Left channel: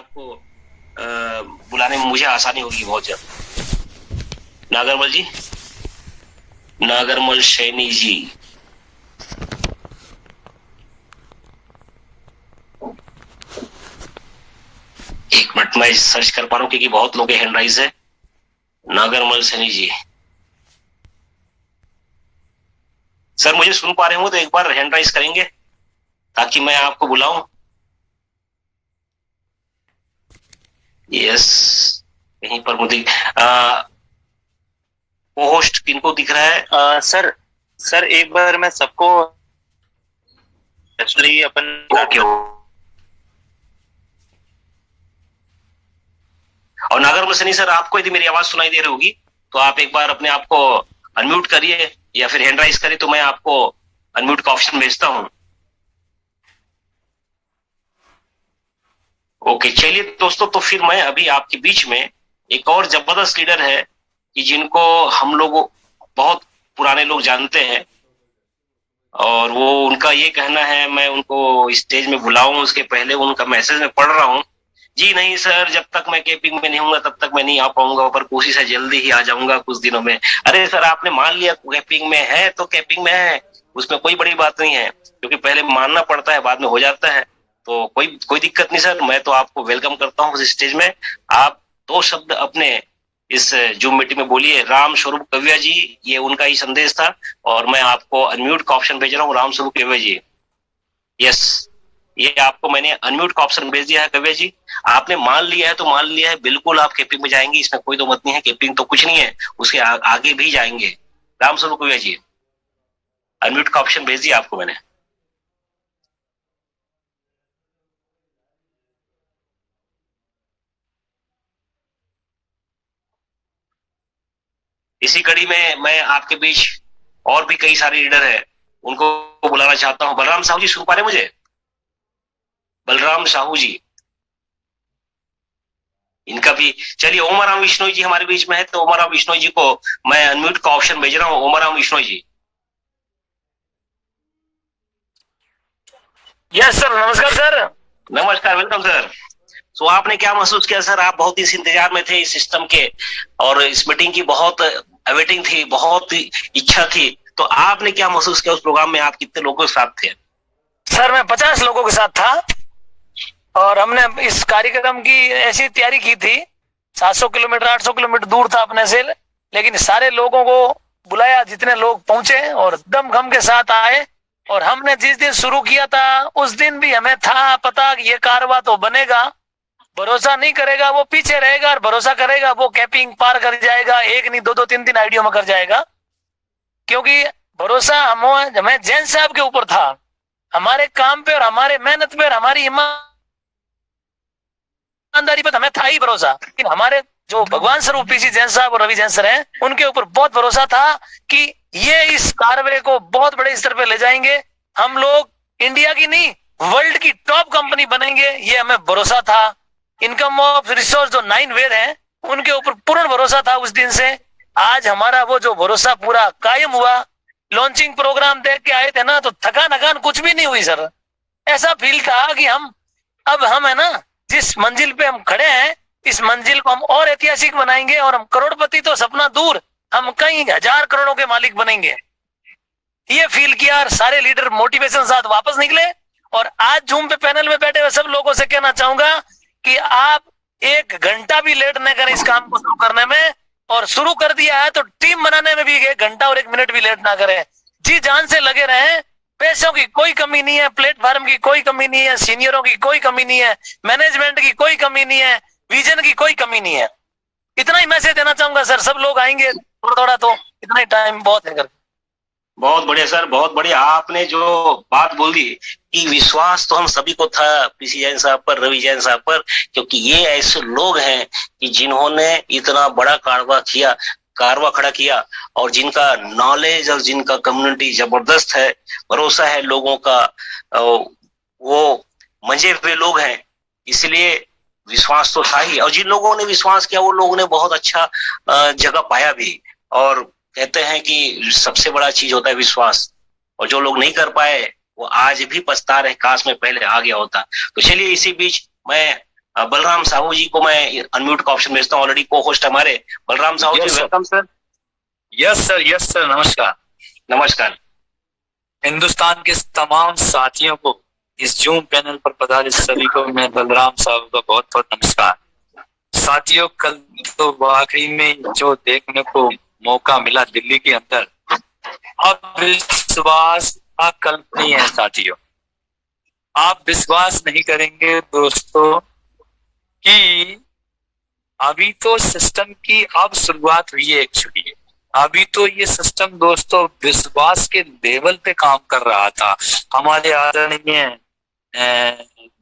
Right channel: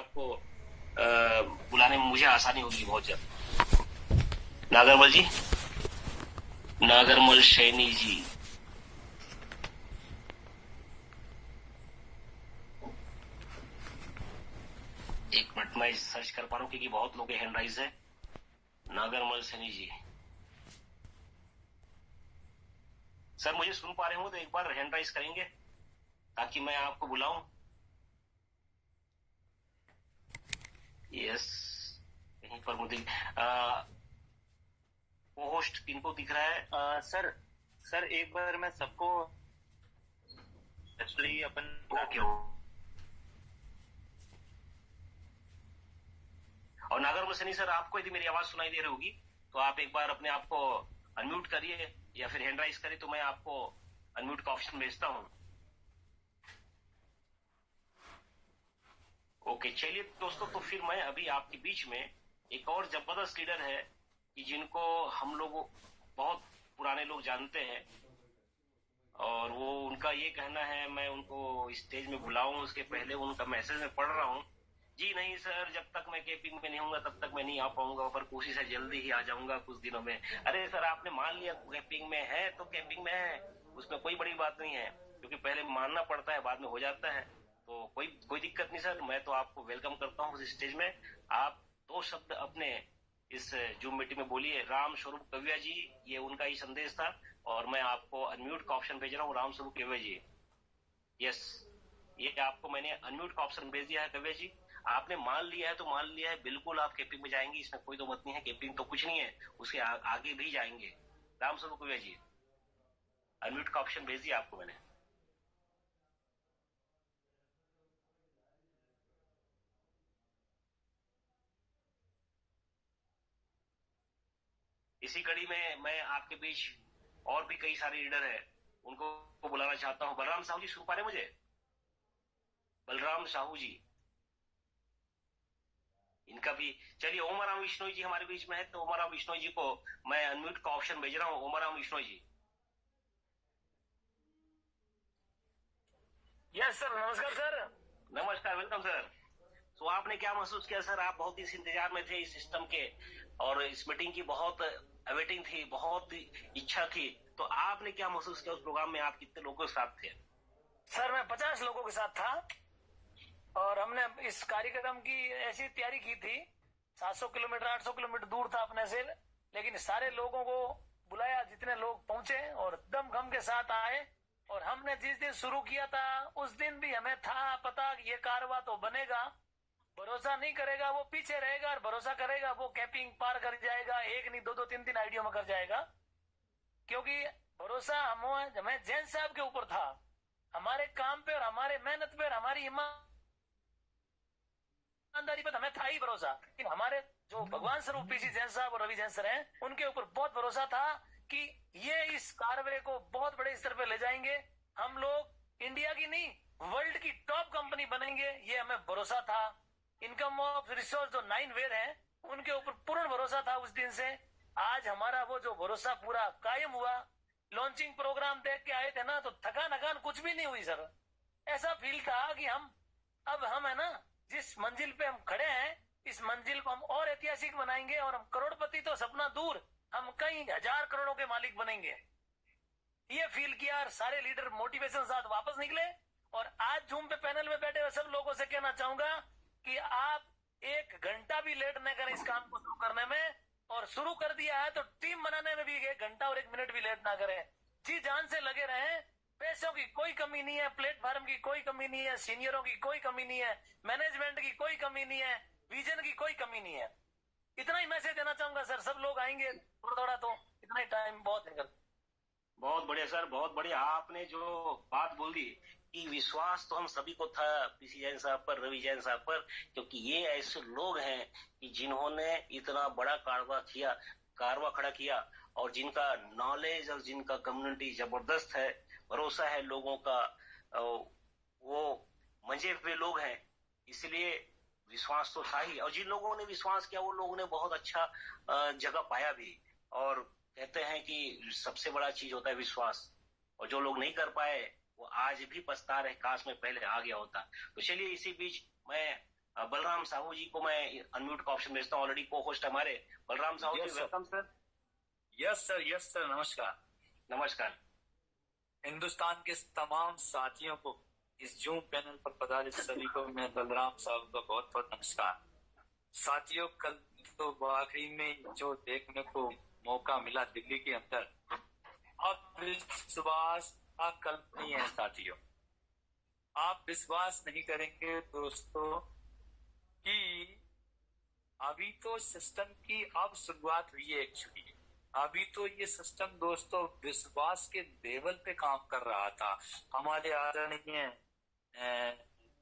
आपको बुलाने में मुझे आसानी होगी बहुत जल्द। नागरमल जी, नागरमल सैनी जी, एक मिनट मैं सर्च कर पा रहा हूँ क्योंकि बहुत लोग हैंड राइज है। नागरमल सैनी जी, सर मुझे सुन पा रहे हो तो एक बार हैंड राइज करेंगे ताकि मैं आपको बुलाऊं। यस, कहीं पर मुझे होस्ट किनको दिख रहा है? सर एक बार मैं सबको एक्चुअली अपन ओके। और नागरमल सैनी सर, आपको यदि मेरी आवाज सुनाई दे रही होगी तो आप एक बार अपने आप को अनम्यूट करिए या फिर हैंड राइज करिए तो मैं आपको अनम्यूट का ऑप्शन भेजता हूं। ओके, चलिए दोस्तों, तो फिर मैं अभी आपके बीच में एक और जबरदस्त लीडर है कि जिनको हम लोग बहुत पुराने लोग जानते हैं और वो उनका ये कहना है मैं उनको स्टेज में बुलाऊं उसके पहले उनका मैसेज में पढ़ रहा हूं। जी नहीं सर, जब तक मैं कैंपिंग में नहीं हूँ तब तक मैं नहीं आ पाऊंगा, पर कोशिश है जल्दी ही आ जाऊंगा कुछ दिनों में। अरे सर, आपने मान लिया कैंपिंग में है तो कैंपिंग में है, उसमें कोई बड़ी बात नहीं है, क्योंकि पहले मानना पड़ता है बाद में हो जाता है। तो कोई दिक्कत नहीं सर, मैं तो आपको वेलकम करता हूँ उस स्टेज में। आप दो शब्द अपने इस जूम मीटिंग में बोलिए। राम स्वरूप कव्या जी, ये उनका ही संदेश था और मैं आपको अनम्यूट का ऑप्शन भेज रहा हूँ। राम स्वरूप कव्या जी, यस, ये आपको मैंने अनम्यूट का ऑप्शन भेज दिया है। कव्या जी, आपने मान लिया है तो मान लिया है, बिल्कुल आप कैंपिंग में जाएंगे, इसमें कोई दो मत नहीं है। कैंपिंग तो कुछ नहीं है, उसके आगे भी जाएंगे। राम स्वरूप कव्या जी, अनम्यूट का ऑप्शन भेज दिया आपको मैंने। इसी कड़ी में मैं आपके बीच और भी कई सारे लीडर हैं, उनको बुलाना चाहता हूं। बलराम साहू जी, सुन पा रहे मुझे? बलराम साहू जी, इनका भी चलिए। ओमाराम विश्नोई जी हमारे बीच में है, तो ओमाराम विश्नोई जी को मैं अनम्यूट का ऑप्शन भेज रहा हूं। ओमाराम विश्नोई जी, यस सर, नमस्कार सर। नमस्कार, वेलकम सर। तो आपने क्या महसूस किया सर? आप बहुत इस इंतजार में थे इस सिस्टम के और इस मीटिंग की बहुत अवेटिंग थी, बहुत इच्छा थी, तो आपने क्या महसूस किया उस प्रोग्राम में? आप कितने लोगों के साथ थे? सर मैं 50 लोगों के साथ था और हमने इस कार्यक्रम की ऐसी तैयारी की थी। 700 किलोमीटर 800 किलोमीटर दूर था अपने से, लेकिन सारे लोगों को बुलाया, जितने लोग पहुंचे और दमखम के साथ आए। और हमने जिस दिन शुरू किया था उस दिन भी हमें था पता कि ये कारवा तो बनेगा, भरोसा नहीं करेगा वो पीछे रहेगा और भरोसा करेगा वो कैंपिंग पार कर जाएगा, एक नहीं दो दो तीन तीन आईडियो में कर जाएगा। क्योंकि भरोसा हमें जैन साहब के ऊपर था, हमारे काम पे और हमारे मेहनत पे और हमारी ईमानदारी पे हमें था ही भरोसा। लेकिन हमारे जो भगवान स्वरूप पीसी जैन साहब और रवि जैन सर हैं, उनके ऊपर बहुत भरोसा था कि ये इस कारवे को बहुत बड़े स्तर पे ले जाएंगे, हम लोग इंडिया की नहीं वर्ल्ड की टॉप कंपनी बनेंगे, ये हमें भरोसा था। इनकम ऑफ रिसोर्स जो 9 वेद हैं उनके ऊपर पूर्ण भरोसा था उस दिन से। आज हमारा वो जो भरोसा पूरा कायम हुआ। लॉन्चिंग प्रोग्राम देख के आए थे ना, तो थकान कुछ भी नहीं हुई सर। ऐसा फील था कि हम है ना, जिस मंजिल पे हम खड़े हैं इस मंजिल को हम और ऐतिहासिक बनाएंगे और हम करोड़पति तो सपना दूर, हम कई हजार करोड़ों के मालिक बनेंगे। ये फील किया और सारे लीडर मोटिवेशन साथ वापस निकले। और आज जूम पे पैनल में बैठे हुए सब लोगों से कहना चाहूंगा कि आप 1 घंटा भी लेट न करें इस काम को शुरू करने में, और शुरू कर दिया है तो टीम बनाने में भी 1 घंटा और 1 मिनट भी लेट ना करें। जी जान से लगे रहें। पैसों की कोई कमी नहीं है, प्लेटफॉर्म की कोई कमी नहीं है, सीनियरों की कोई कमी नहीं है, मैनेजमेंट की कोई कमी नहीं है, विजन की कोई कमी नहीं है। इतना ही मैसेज देना चाहूंगा सर। सब लोग आएंगे थोड़ा थोड़ा, तो इतना ही टाइम बहुत है। बहुत बढ़िया सर, बहुत बढ़िया। आपने जो बात बोल दी कि विश्वास तो हम सभी को था पीसी जैन साहब पर, रवि जैन साहब पर, क्योंकि ये ऐसे लोग हैं कि जिन्होंने इतना बड़ा कारवा खड़ा किया और जिनका नॉलेज और जिनका कम्युनिटी जबरदस्त है, भरोसा है लोगों का, वो मंजे हुए लोग हैं, इसलिए विश्वास तो था ही। और जिन लोगों ने विश्वास किया वो लोगों ने बहुत अच्छा जगह पाया भी। और कहते हैं कि सबसे बड़ा चीज होता है विश्वास, और जो लोग नहीं कर पाए वो आज भी पछता रहे, काश में पहले आ गया होता। तो चलिए, इसी बीच मैं बलराम साहू जी को मैं अनम्यूट का ऑप्शन भेजता हूँ, ऑलरेडी को होस्ट हमारे बलराम साहू जी, वेलकम सर। यस सर, नमस्कार। नमस्कार। हिंदुस्तान के तमाम साथियों को, इस जूम पैनल पर पधारे सभी को मैं बलराम साहब का बहुत बहुत नमस्कार। साथियों, कल तो वाकई में जो देखने को मौका मिला दिल्ली के अंदर, अब विश्वास अकल्पनीय है साथियों। आप विश्वास नहीं करेंगे दोस्तों कि अभी तो सिस्टम की अब शुरुआत हुई है। एक्चुअली अभी तो ये सिस्टम दोस्तों विश्वास के लेवल पे काम कर रहा था। हमारे आदरणीय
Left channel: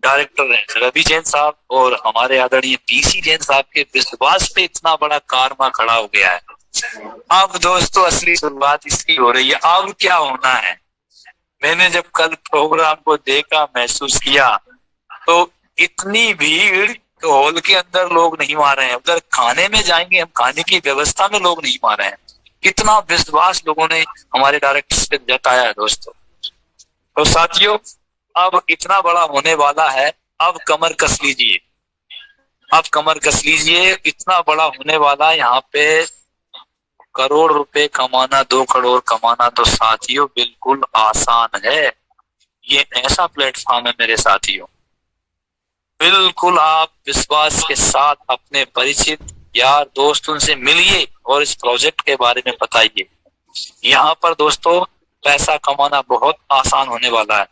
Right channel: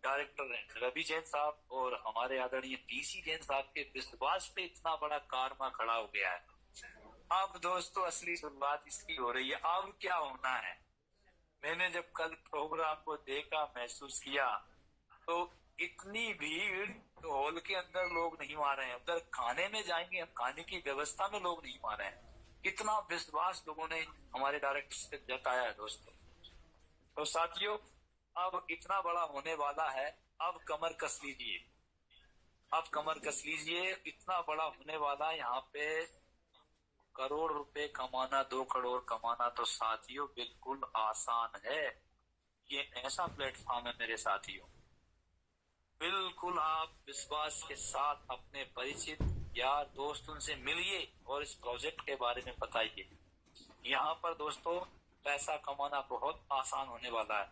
डायरेक्टर रवि जैन साहब और हमारे आदरणीय पीसी जैन साहब के विश्वास पे इतना बड़ा कारवा खड़ा हो गया है। अब दोस्तों असली शुरुआत इसकी हो रही है। अब क्या होना है, मैंने जब कल प्रोग्राम को देखा, महसूस किया, तो इतनी भीड़ तो हॉल के अंदर लोग नहीं मार रहे हैं, उधर खाने में जाएंगे हम, खाने की व्यवस्था में लोग नहीं मार रहे हैं। कितना विश्वास लोगों ने हमारे डायरेक्टर्स पे जताया है दोस्तों। तो साथियों, अब इतना बड़ा होने वाला है, अब कमर कस लीजिए, अब कमर कस लीजिए। इतना बड़ा होने वाला है, यहाँ पे करोड़ रुपए कमाना, 2 करोड़ कमाना तो साथियों बिल्कुल आसान है। ये ऐसा प्लेटफॉर्म है मेरे साथियों, बिल्कुल आप विश्वास के साथ अपने परिचित यार दोस्त उनसे मिलिए और इस प्रोजेक्ट के बारे में बताइए। यहाँ पर दोस्तों पैसा कमाना बहुत आसान होने वाला है।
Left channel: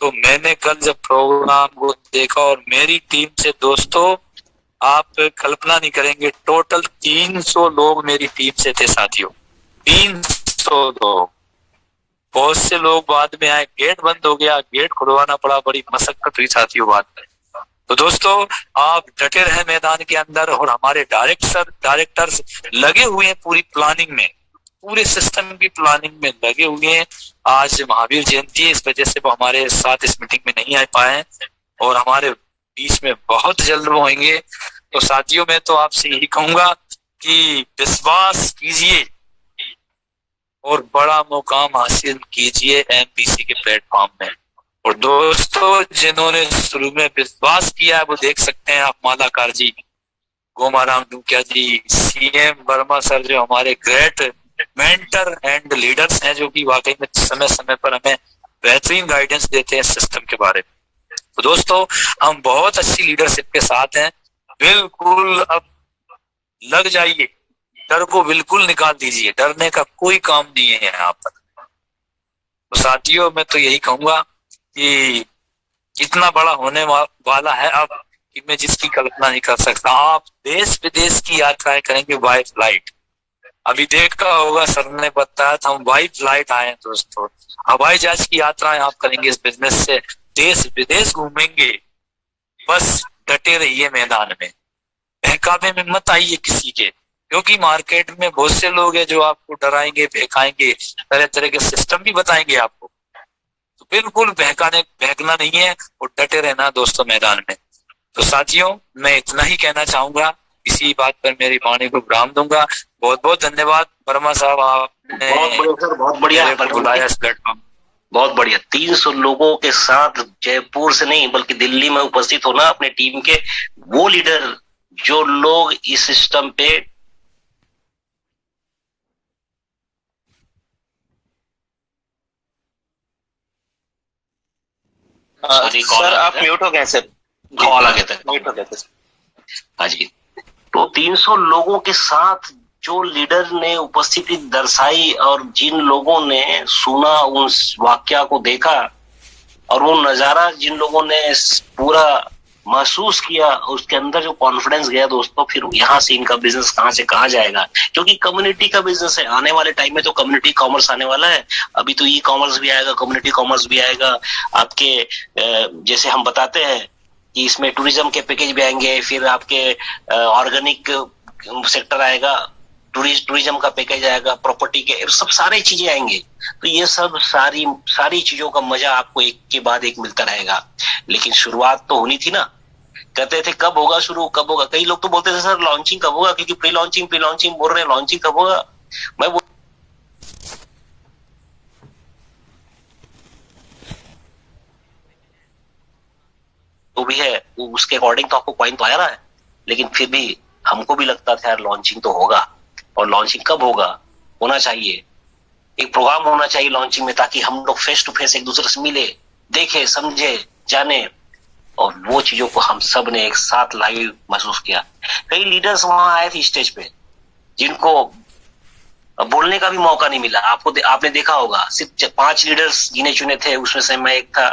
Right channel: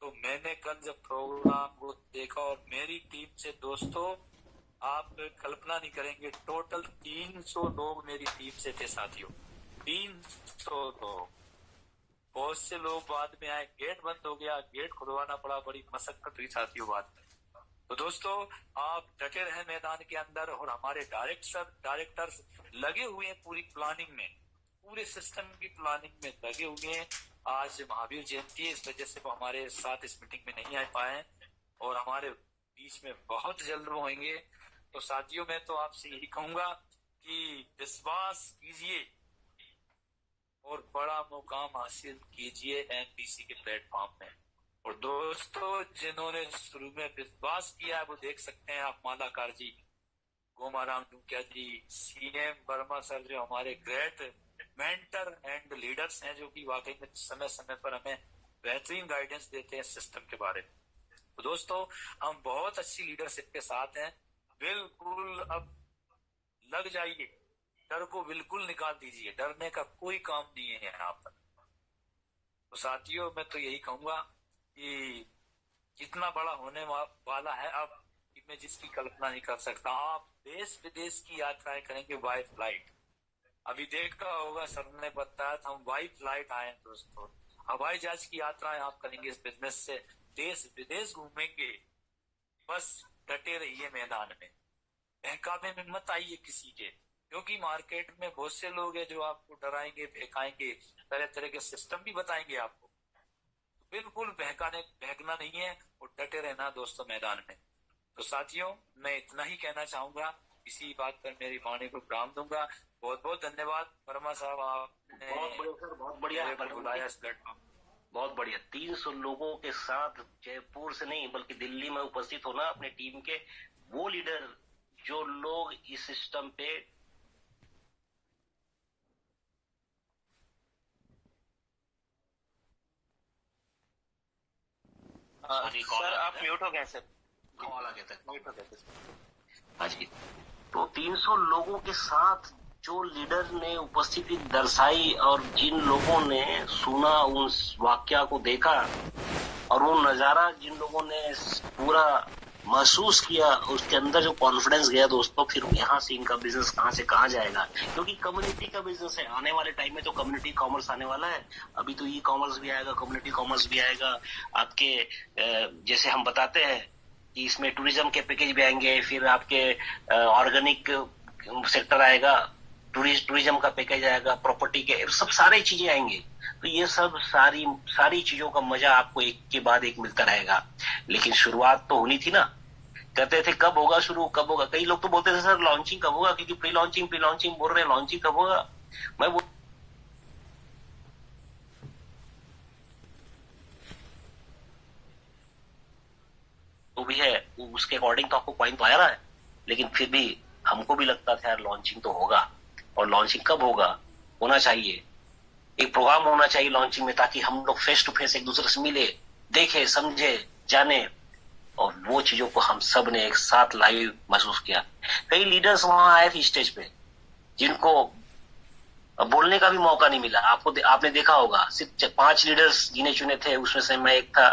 तो मैंने कल जब प्रोग्राम को देखा और मेरी टीम से दोस्तों, आप कल्पना नहीं करेंगे, टोटल 300 लोग मेरी टीम से थे साथियों, 300 लोग। बहुत से लोग बाद में आए, गेट बंद हो गया, गेट खुलवाना पड़ा, बड़ी मशक्कत हुई साथियों बाद में। तो दोस्तों आप डटे रहे मैदान के अंदर और हमारे डायरेक्टर्स लगे हुए हैं पूरी प्लानिंग में, पूरे सिस्टम की प्लानिंग में लगे हुए हैं। आज महावीर जयंती है, इस वजह से वो हमारे साथ इस मीटिंग में नहीं आ पाए हैं और हमारे बीच में बहुत जल्द वो होंगे। तो साथियों मैं तो आपसे यही कहूंगा कि विश्वास कीजिए और बड़ा मुकाम हासिल कीजिए एमपीसी के प्लेटफॉर्म में। और दोस्तों जिन्होंने शुरू में विश्वास किया है वो देख सकते हैं आप, मालाकार जी, गोमाराम डुकिया जी, सीएम वर्मा सर, जो हमारे ग्रेट मेंटर एंड लीडर्स हैं, जो कि वाकई में समय समय पर हमें बेहतरीन गाइडेंस देते हैं सिस्टम के बारे में। तो दोस्तों हम बहुत अच्छी लीडरशिप के साथ हैं, बिल्कुल अब लग जाइए, डर को बिल्कुल निकाल दीजिए, डरने का कोई काम नहीं है यहाँ पर। तो साथियों मैं तो यही कहूंगा कि इतना बड़ा होने वाला है अब कि मैं जिसकी कल्पना नहीं कर सकता। आप देश विदेश की यात्राएं करेंगे बाय फ्लाइट। अभी देखा होगा सर ने बताया था, हम बाय फ्लाइट आए हैं दोस्तों, हवाई जहाज की यात्राएं आप करेंगे, इस बिजनेस से देश विदेश घूमेंगे। बस डटे रहिए मैदान में, बहकावे में मत आइए किसी के, क्योंकि मार्केट में बहुत से लोग हैं जो आपको डराएंगे, बहकाएंगे, तरह तरह के सिस्टम भी बताएंगे आपको। तो बिल्कुल बहकना नहीं है और डटे रहना दोस्तों मैदान में। तो साथियों मैं इतना ही कहना चाहूंगा, इसी बात पर मेरी वाणी को विराम दूंगा। बहुत बहुत धन्यवाद वर्मा साहब, आपने बहुत बढ़िया बुलाया इस प्लेटफॉर्म। बहुत बढ़िया। 300 लोगों के साथ जयपुर से नहीं बल्कि दिल्ली में उपस्थित होना, अपने टीम के वो लीडर जो लोग इस सिस्टम पे सर आप म्यूट हो गए सर, कॉल आ गया था, म्यूट हो गए थे। हाँ जी। तो 300 लोगों के साथ जो लीडर ने उपस्थिति दर्शाई और जिन लोगों ने सुना, उस वाक्या को देखा और वो नजारा जिन लोगों ने पूरा महसूस किया, उसके अंदर जो कॉन्फिडेंस गया दोस्तों, फिर यहाँ से इनका बिजनेस कहाँ से कहाँ जाएगा। क्योंकि कम्युनिटी का बिजनेस है, आने वाले टाइम में तो कम्युनिटी कॉमर्स आने वाला है। अभी तो ई कॉमर्स भी आएगा, कम्युनिटी कॉमर्स भी आएगा। आपके जैसे हम बताते हैं कि इसमें टूरिज्म के पैकेज भी आएंगे, फिर आपके ऑर्गेनिक सेक्टर आएगा, टूरिज्म का पैकेज आएगा, प्रॉपर्टी के सब सारे चीजें आएंगे। तो ये सब सारी चीजों का मजा आपको एक के बाद एक मिलता रहेगा। लेकिन शुरुआत तो होनी थी ना। कहते थे कब होगा शुरू, कब होगा। कई लोग तो बोलते थे सर लॉन्चिंग कब होगा, क्योंकि प्री लॉन्चिंग बोल रहे हैं, लॉन्चिंग कब होगा। मैं वो भी है उसके अकॉर्डिंग तो आपको कॉइन तो आ रहा है, लेकिन फिर भी हमको भी लगता था यार लॉन्चिंग तो होगा, और लॉन्चिंग कब होगा, होना चाहिए एक प्रोग्राम होना चाहिए लॉन्चिंग में, ताकि हम लोग फेस टू फेस एक दूसरे से मिले, देखे, समझे, जाने। और वो चीजों को हम सब ने एक साथ लाइव महसूस किया। कई लीडर्स वहां आए थे स्टेज पे जिनको बोलने का भी मौका नहीं मिला। आपने देखा होगा सिर्फ 5 लीडर्स गिने चुने थे, उसमें से मैं एक था,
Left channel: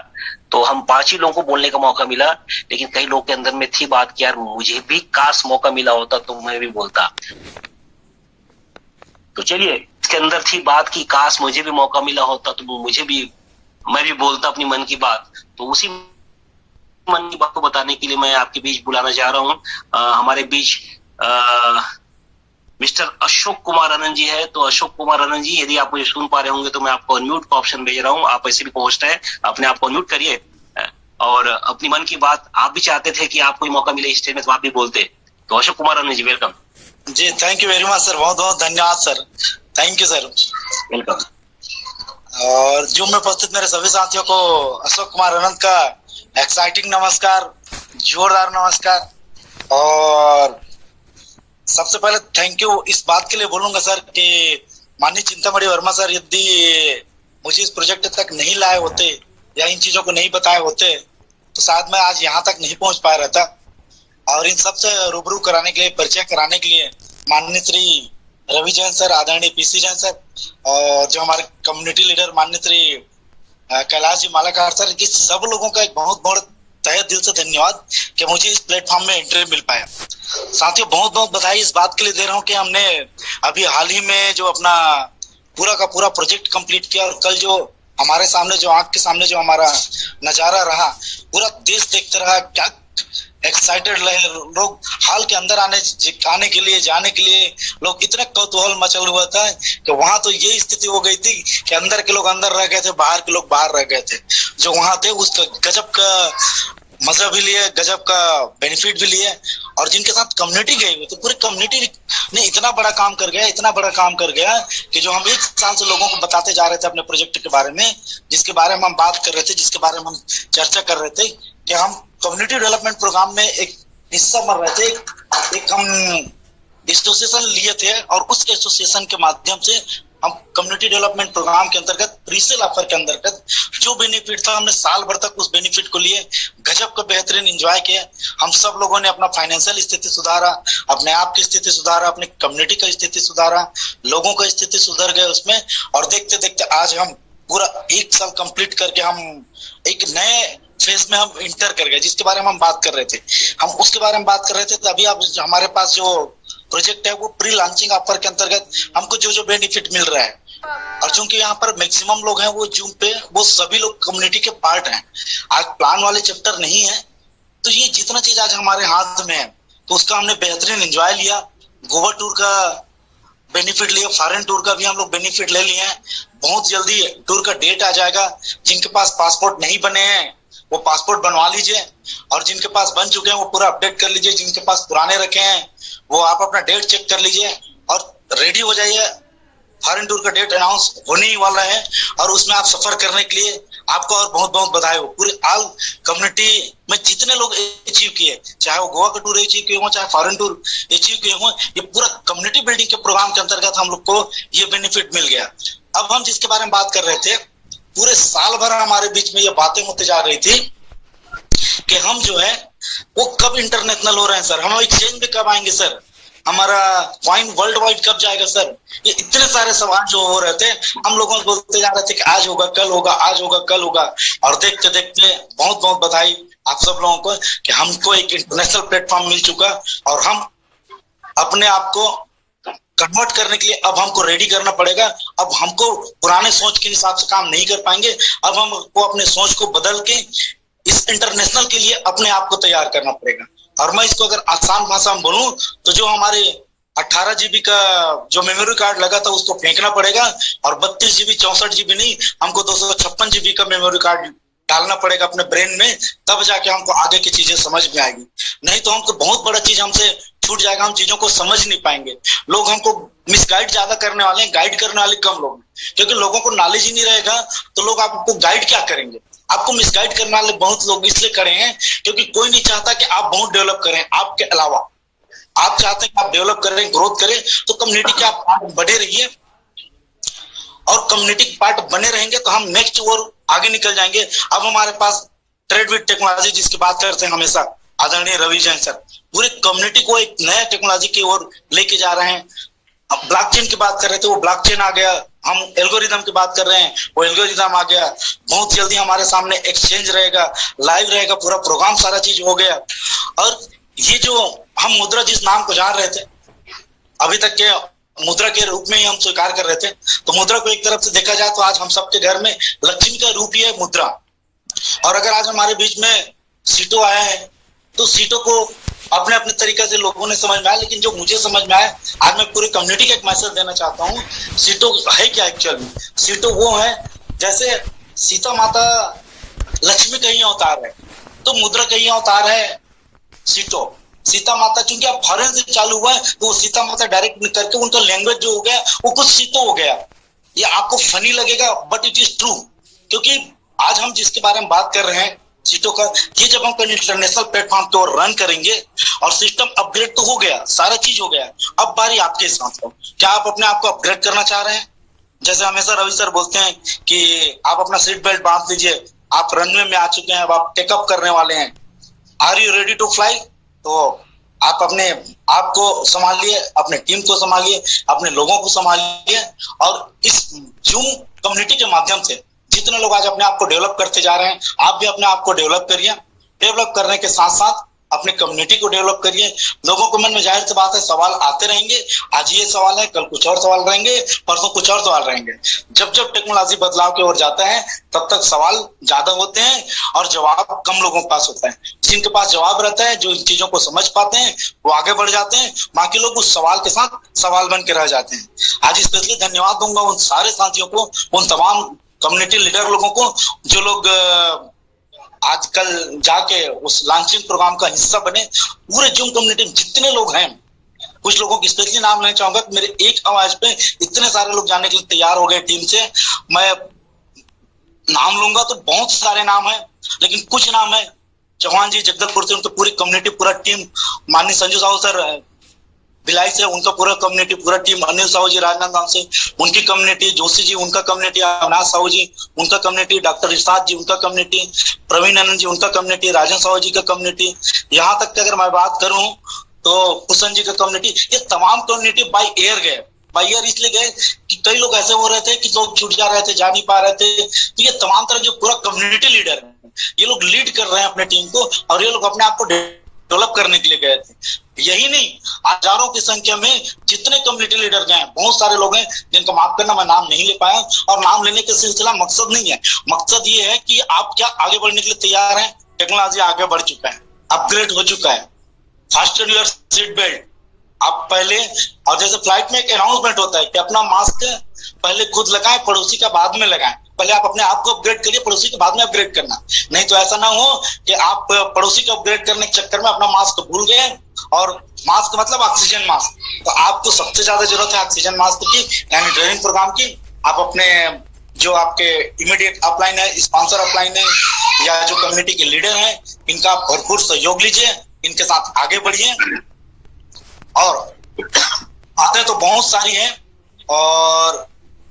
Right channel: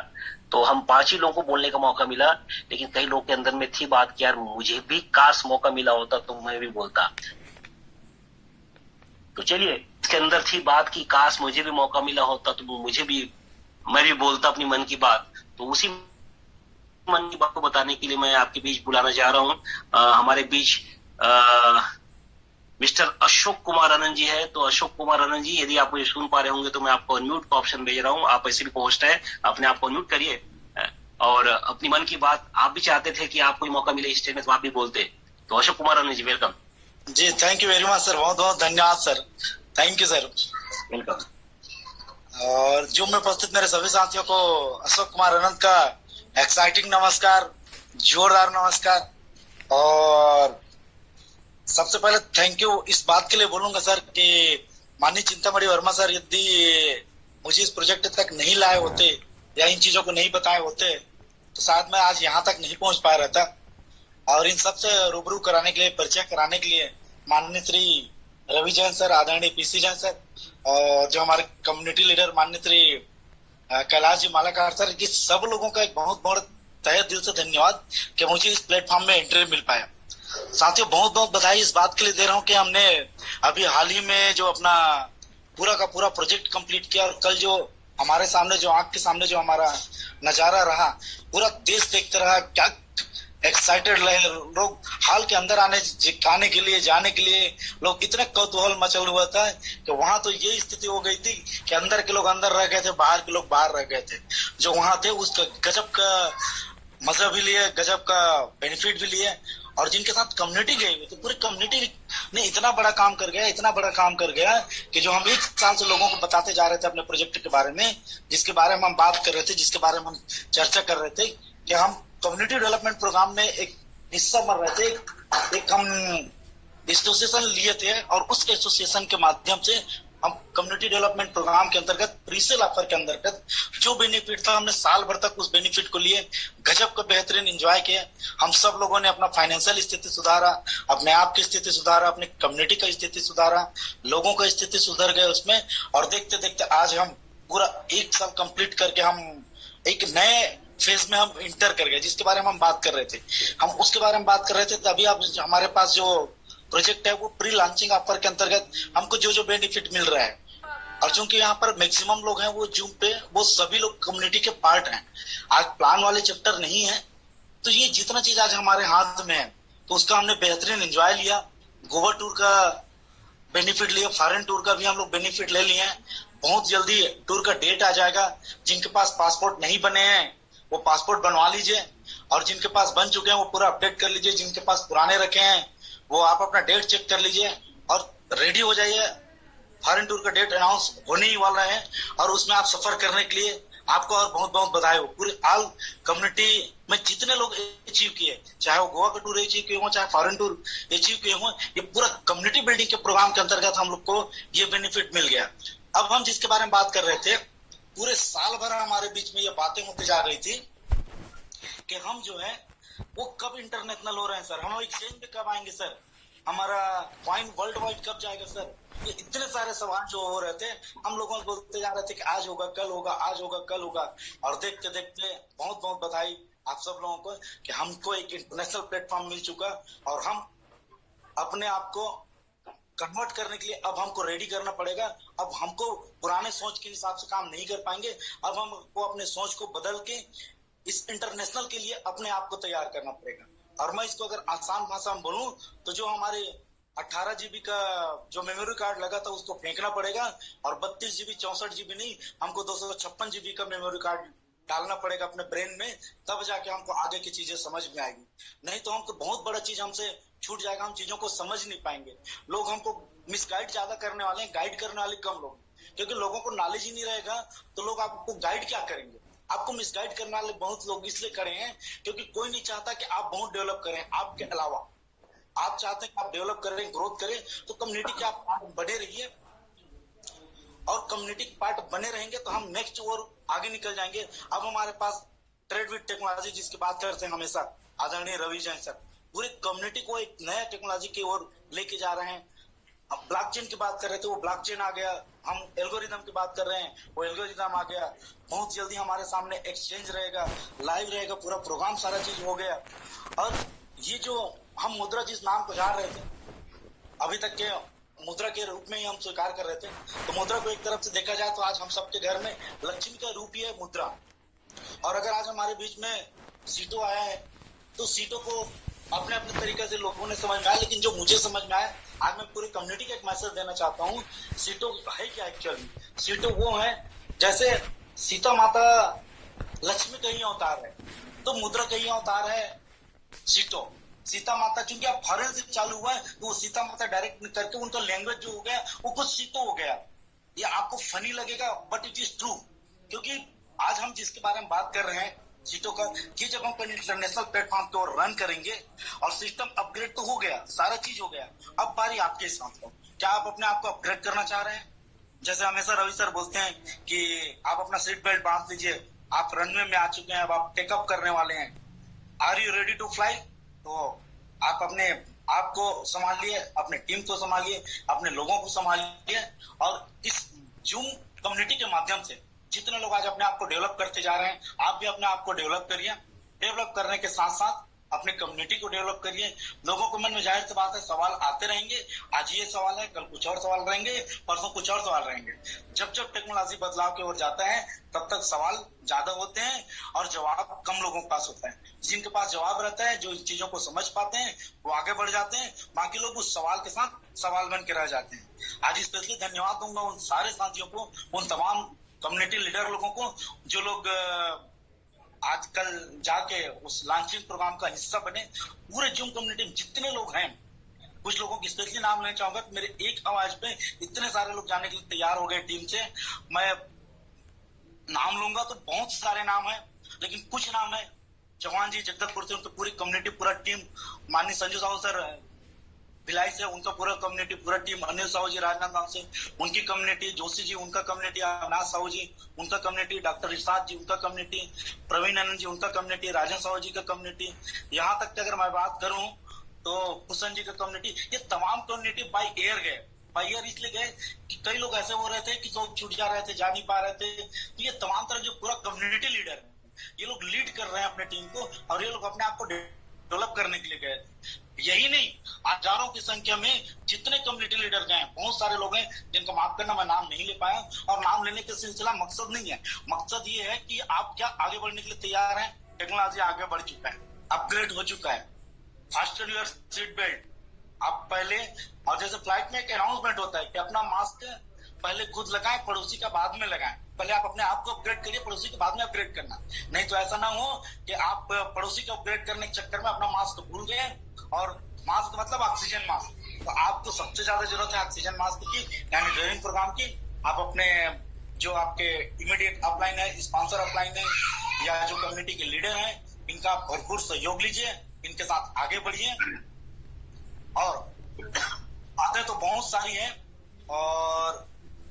तो हम 5 ही लोगों को बोलने का मौका मिला। लेकिन कई लोग के अंदर में थी बात कि यार मुझे भी काश मौका मिला होता तो मैं भी बोलता। तो चलिए, इसके अंदर थी बात की काश मुझे भी मौका मिला होता तो मैं भी बोलता अपनी मन की बात। तो उसी मन की बात को बताने के लिए मैं आपके बीच बुलाना चाह रहा हूँ। हमारे बीच मिस्टर अशोक कुमार आनंद जी है। तो अशोक कुमार आनंद जी, यदि आप मुझे सुन पा रहे होंगे तो मैं आपको अनम्यूट का ऑप्शन भेज रहा हूँ। आप ऐसे भी पहुंचता है, अपने आप को अनम्यूट करिए और अपनी मन की बात, आप भी चाहते थे कि आपको मौका मिले स्टेज में तो आप भी बोलते। तो Ashok Kumar Anand ji, welcome ji. Thank you very much sir, बहुत बहुत धन्यवाद sir, thank you sir, welcome. और जो में उपस्थित मेरे सभी साथियों को अशोक कुमार आनंद का एक्साइटिंग नमस्कार, जोरदार नमस्कार। और सबसे पहले थैंक यू इस बात के लिए बोलूंगा सर कि माननीय चिंतामणि वर्मा सर यदि मुझे इस प्रोजेक्ट तक नहीं लाए होते या इन चीजों को नहीं बताए होते तो शायद मैं आज यहाँ तक नहीं पहुंच पाया रहता। और इन सबसे रूबरू कराने के लिए, परिचय कराने के लिए माननीय श्री रवि जैन सर, आदरणीय पीसी जैन सर, और जो हमारे कम्युनिटी लीडर माननीय श्री कैलाश जी मालाकार सर, ये सब लोगों का एक बहुत बहुत तहे दिल से धन्यवाद कि मुझे इस प्लेटफॉर्म में एंट्री मिल पाया। साथियों, बहुत बहुत बधाई इस बात के लिए दे रहा हूँ कि हमने अभी हाल ही में जो अपना पूरा का पूरा प्रोजेक्ट कंप्लीट किया, और कल जो हमारे सामने, जो आंख के सामने जो हमारा नजारा रहा, पूरा देश देखते रहा। क्या एक्साइटेड रहे लोग, हाल के अंदर आने के लिए, जाने के लिए लोग इतना कौतूहल मचल हुआ था कि वहां तो ये स्थिति हो गई थी कि अंदर के लोग अंदर रह गए थे, बाहर के लोग बाहर रह गए थे। जो वहां थे उसका गजब का मजा भी लिए, गजब का बेनिफिट भी लिए। और जिनके साथ कम्युनिटी गई हुई, तो पूरी कम्युनिटी ने इतना बड़ा काम कर गया कि जो हम 1 साल से लोगों को बताते जा रहे थे अपने प्रोजेक्ट के बारे में, जिसके बारे में हम बात कर रहे थे, जिसके बारे में हम चर्चा कर रहे थे कि हम कम्युनिटी डेवलपमेंट प्रोग्राम में एक हिस्सा बन रहे थे, एक हम एसोसिएशन लिए थे, और उस एसोसिएशन के माध्यम से हम कम्युनिटी डेवलपमेंट प्रोग्राम के अंतर्गत, प्रीसेल ऑफर के अंतर्गत जो बेनिफिट था, हमने साल भर तक उस बेनिफिट को लिए, गजब का बेहतरीन एंजॉय किया। हम सब लोगों ने अपना फाइनेंशियल स्थिति सुधारा, अपने आप की स्थिति सुधारा, अपने कम्युनिटी का स्थिति सुधारा, लोगों का स्थिति सुधर गए उसमें। और देखते देखते आज हम पूरा 1 साल कंप्लीट करके हम एक नए फेज में हम इंटर कर गए, जिसके बारे में हम बात कर रहे थे। हम उसके बारे में बात कर रहे थे, तो अभी आप हमारे पास जो प्रोजेक्ट है वो प्री लॉन्चिंग ऑफर के अंतर्गत हमको जो जो बेनिफिट मिल रहा है, और चूंकि यहाँ पर मैक्सिमम लोग हैं वो जूम पे, वो सभी लोग कम्युनिटी के पार्ट हैं। आज प्लान वाले चैप्टर नहीं है, तो ये जितना चीज आज हमारे हाथ में है तो उसका हमने बेहतरीन एंजॉय लिया। गोवा टूर का बेनिफिट लिया, फॉरेन टूर का भी हम लोग बेनिफिट ले लिए हैं। बहुत जल्दी टूर का डेट आ जाएगा। जिनके पास पासपोर्ट नहीं बने हैं वो पासपोर्ट बनवा लीजिए, और जिनके पास बन चुके हैं वो पूरा अपडेट कर लीजिए। जिनके पास पुराने रखे हैं वो आप अपना डेट चेक कर लीजिए और रेडी हो जाइए। फॉरेन टूर का डेट अनाउंस होने ही वाला है, और उसमें आप सफर करने के लिए आपको और बहुत बहुत बधाई हो। पूरे ऑल कम्युनिटी में जितने लोग अचीव किए, चाहे वो गोवा का टूर अचीव किए हो, चाहे फॉरेन टूर अचीव किए हो, ये पूरा कम्युनिटी बिल्डिंग के प्रोग्राम के अंतर्गत हम लोग को ये बेनिफिट मिल गया। अब हम जिसके बारे में बात कर रहे थे, पूरे साल भर हमारे बीच में ये बातें होते जा रही थी कि हम जो है वो कब इंटरनेशनल हो रहे हैं सर, हम एक्सचेंज में कब आएंगे सर, हमारा कॉइन वर्ल्ड वाइड कब जाएगा सर। ये इतने सारे सवाल जो हो रहे थे, हम लोगों को बोलते जा रहे थे कि आज होगा, कल होगा, आज होगा, कल होगा। और देखते देखते बहुत बहुत बधाई आप सब लोगों को कि हमको एक इंटरनेशनल प्लेटफॉर्म मिल चुका, और हम अपने आप को कन्वर्ट करने के लिए अब हमको रेडी करना पड़ेगा। अब हमको पुराने सोच के हिसाब से काम नहीं कर पाएंगे। अब हमको अपने सोच को बदल के इस इंटरनेशनल के लिए अपने आप को तैयार करना पड़ेगा। और मैं इसको अगर आसान भाषा में बोलूं तो जो हमारे 18 GB का जो मेमोरी कार्ड लगा था उसको फेंकना पड़ेगा, और 32 GB 64 GB नहीं, हमको 256 GB का मेमोरी कार्ड डालना पड़ेगा अपने ब्रेन में, तब जाके हमको आगे की चीजें समझ में आएगी। नहीं तो हमको बहुत बड़ा चीज हमसे छूट जाएगा, हम चीजों को समझ नहीं पाएंगे। लोग हमको मिसगाइड ज्यादा करने वाले हैं, गाइड करने वाले कम लोग, क्योंकि लोगों को नॉलेज ही नहीं रहेगा तो लोग आपको गाइड क्या करेंगे। आपको मिसगाइड करने वाले बहुत लोग इसलिए खड़े हैं क्योंकि कोई नहीं चाहता कि आप बहुत डेवलप करें। आपके अलावा आप चाहते हैं कि आप डेवलप करें, ग्रोथ करें, तो कम्युनिटी के आप पार्ट बने रहिए और कम्युनिटी के पार्ट बने रहेंगे तो हम नेक्स्ट और आगे निकल जाएंगे। अब हमारे पास ट्रेड विद टेक्नोलॉजी जिसकी बात करते हैं हमेशा आदरणीय रवि जैन सर, पूरे कम्युनिटी को एक नया टेक्नोलॉजी की ओर लेके जा रहे हैं। अब ब्लॉकचेन की बात कर रहे थे, वो ब्लॉकचेन आ गया। हम एल्गोरिदम की बात कर रहे हैं, वो एल्गोरिदम आ गया। बहुत जल्दी हमारे सामने एक्सचेंज रहेगा, लाइव रहेगा, पूरा प्रोग्राम सारा चीज हो गया। और ये जो हम मुद्रा जिस नाम को जान रहे थे, अभी तक के मुद्रा के रूप में ही हम स्वीकार कर रहे थे, तो मुद्रा को एक तरफ से देखा जाए तो आज हम सबके घर में लक्ष्मी का रूप ही है मुद्रा। और अगर आज हमारे बीच में सीटो आया है तो सीटो को अपने अपने तरीके से लोगों ने समझ में आया, लेकिन जो मुझे समझ में आया, आज मैं पूरी कम्युनिटी का एक मैसेज देना चाहता हूँ। सीटो है क्या एक्चुअल में? सीटो वो है जैसे सीता माता लक्ष्मी का ही अवतार है, तो मुद्रा का ही अवतार है सीटो। सीता माता चूंकि आप फॉरेन से चालू हुआ है तो वो सीता माता डायरेक्ट करके उनका लैंग्वेज जो हो गया वो कुछ सीटो हो गया। ये आपको फनी लगेगा बट इट इज ट्रू, क्योंकि आज हम जिसके बारे में बात कर रहे हैं सीटो का, ये जब हम इंटरनेशनल प्लेटफॉर्म पे और रन करेंगे और सिस्टम अपग्रेड तो हो गया, सारा चीज हो गया, अब बारी आपके साथ हो। क्या आप अपने आप को अपग्रेड करना चाह रहे हैं? जैसे हमेशा रवि सर बोलते हैं कि आप अपना सीट बेल्ट बांध लीजिए, आप रनवे में आ चुके हैं, अब आप टेकअप करने वाले हैं। Are you ready to fly? तो आप अपने आप को संभालिए, अपने टीम को संभालिए, अपने लोगों को संभालिए। और इस जूम कम्युनिटी के माध्यम से जितने लोग आज अपने आप को डेवलप करते जा रहे हैं, आप भी अपने आप को डेवलप करिए। डेवलप करने के साथ साथ अपने कम्युनिटी को डेवलप करिए। लोगों के मन में जाहिर सी बात है सवाल आते रहेंगे, आज ये सवाल है, कल कुछ और सवाल रहेंगे, परसों कुछ और सवाल रहेंगे। जब जब टेक्नोलॉजी बदलाव की ओर जाता है तब तक सवाल ज्यादा होते हैं और जवाब कम लोगों के पास होता है। जिनके पास जवाब रहता है, जो इन चीजों को समझ पाते हैं, वो आगे बढ़ जाते हैं, बाकी लोग उस सवाल के साथ सवाल बन के रह जाते हैं। आज स्पेशली धन्यवाद दूंगा उन सारे साथियों को, उन तमाम कम्युनिटी लीडर लोगों को जो लोग आजकल जाके उस लॉन्चिंग प्रोग्राम का हिस्सा बने। पूरे जूम कम्युनिटी में जितने लोग हैं, कुछ लोगों की स्पेशली नाम लेना चाहूंगा, मेरे एक आवाज पे इतने सारे लोग जाने के लिए तैयार हो गए टीम से। मैं नाम लूंगा तो बहुत सारे नाम है, लेकिन कुछ नाम है। चौहान जी जगदलपुर से, उनकी पूरी कम्युनिटी, पूरा टीम, माननीय संजू साहू सर भिलाई से, उनका पूरा कम्युनिटी, पूरा टीम, अनिल साहू जी राजनांदगांव से, उनकी कम्युनिटी, जोशी जी उनका कम्युनिटी, अविनाश साहू जी उनका कम्युनिटी, डॉक्टर इरशाद जी उनका कम्युनिटी, प्रवीण आनंद जी उनका कम्युनिटी, राजन साहू जी का कम्युनिटी, यहाँ तक कि अगर मैं बात करूं तो कुशन जी का कम्युनिटी, ये तमाम कम्युनिटी बाई एयर गए। बाई एयर इसलिए गए कि कई लोग ऐसे हो रहे थे कि लोग छूट जा रहे थे, जा नहीं पा रहे थे। तो ये तमाम तरह जो पूरा कम्युनिटी लीडर है, ये लोग लीड कर रहे हैं अपने टीम को, और ये लोग अपने आप को डेवलप करने के लिए गए थे। यही नहीं, हजारों की संख्या में जितने कम्युनिटी लीडर गए, बहुत सारे लोग हैं जिनको माफ करना मैं नाम नहीं ले पाया। और नाम लेने का सिलसिला मकसद नहीं है, मकसद ये है कि आप क्या आगे बढ़ने के लिए तैयार हैं। टेक्नोलॉजी आगे बढ़ चुका है, अपग्रेड हो चुका है। Fasten your seat belt. आप पहले, और जैसे फ्लाइट में एक अनाउंसमेंट होता है कि अपना मास्क पहले खुद लगाएं, पड़ोसी का बाद में लगाएं। पहले आप अपने आप को अपग्रेड करिए, पड़ोसी के बाद में अपग्रेड करना। नहीं तो ऐसा ना हो कि आप पड़ोसी को अपग्रेड करने के चक्कर में अपना मास्क भूल गए। और मास्क मतलब ऑक्सीजन मास्क, तो आपको सबसे ज्यादा जरूरत है ऑक्सीजन मास्क की, यानी ट्रेनिंग प्रोग्राम की। आप अपने जो आपके इमीडिएट अपलाइन है, स्पॉन्सर अपलाइन है, या जो कम्युनिटी के लीडर हैं, इनका भरपूर सहयोग लीजिए, इनके साथ आगे बढ़िए। और आते तो बहुत सारी हैं, और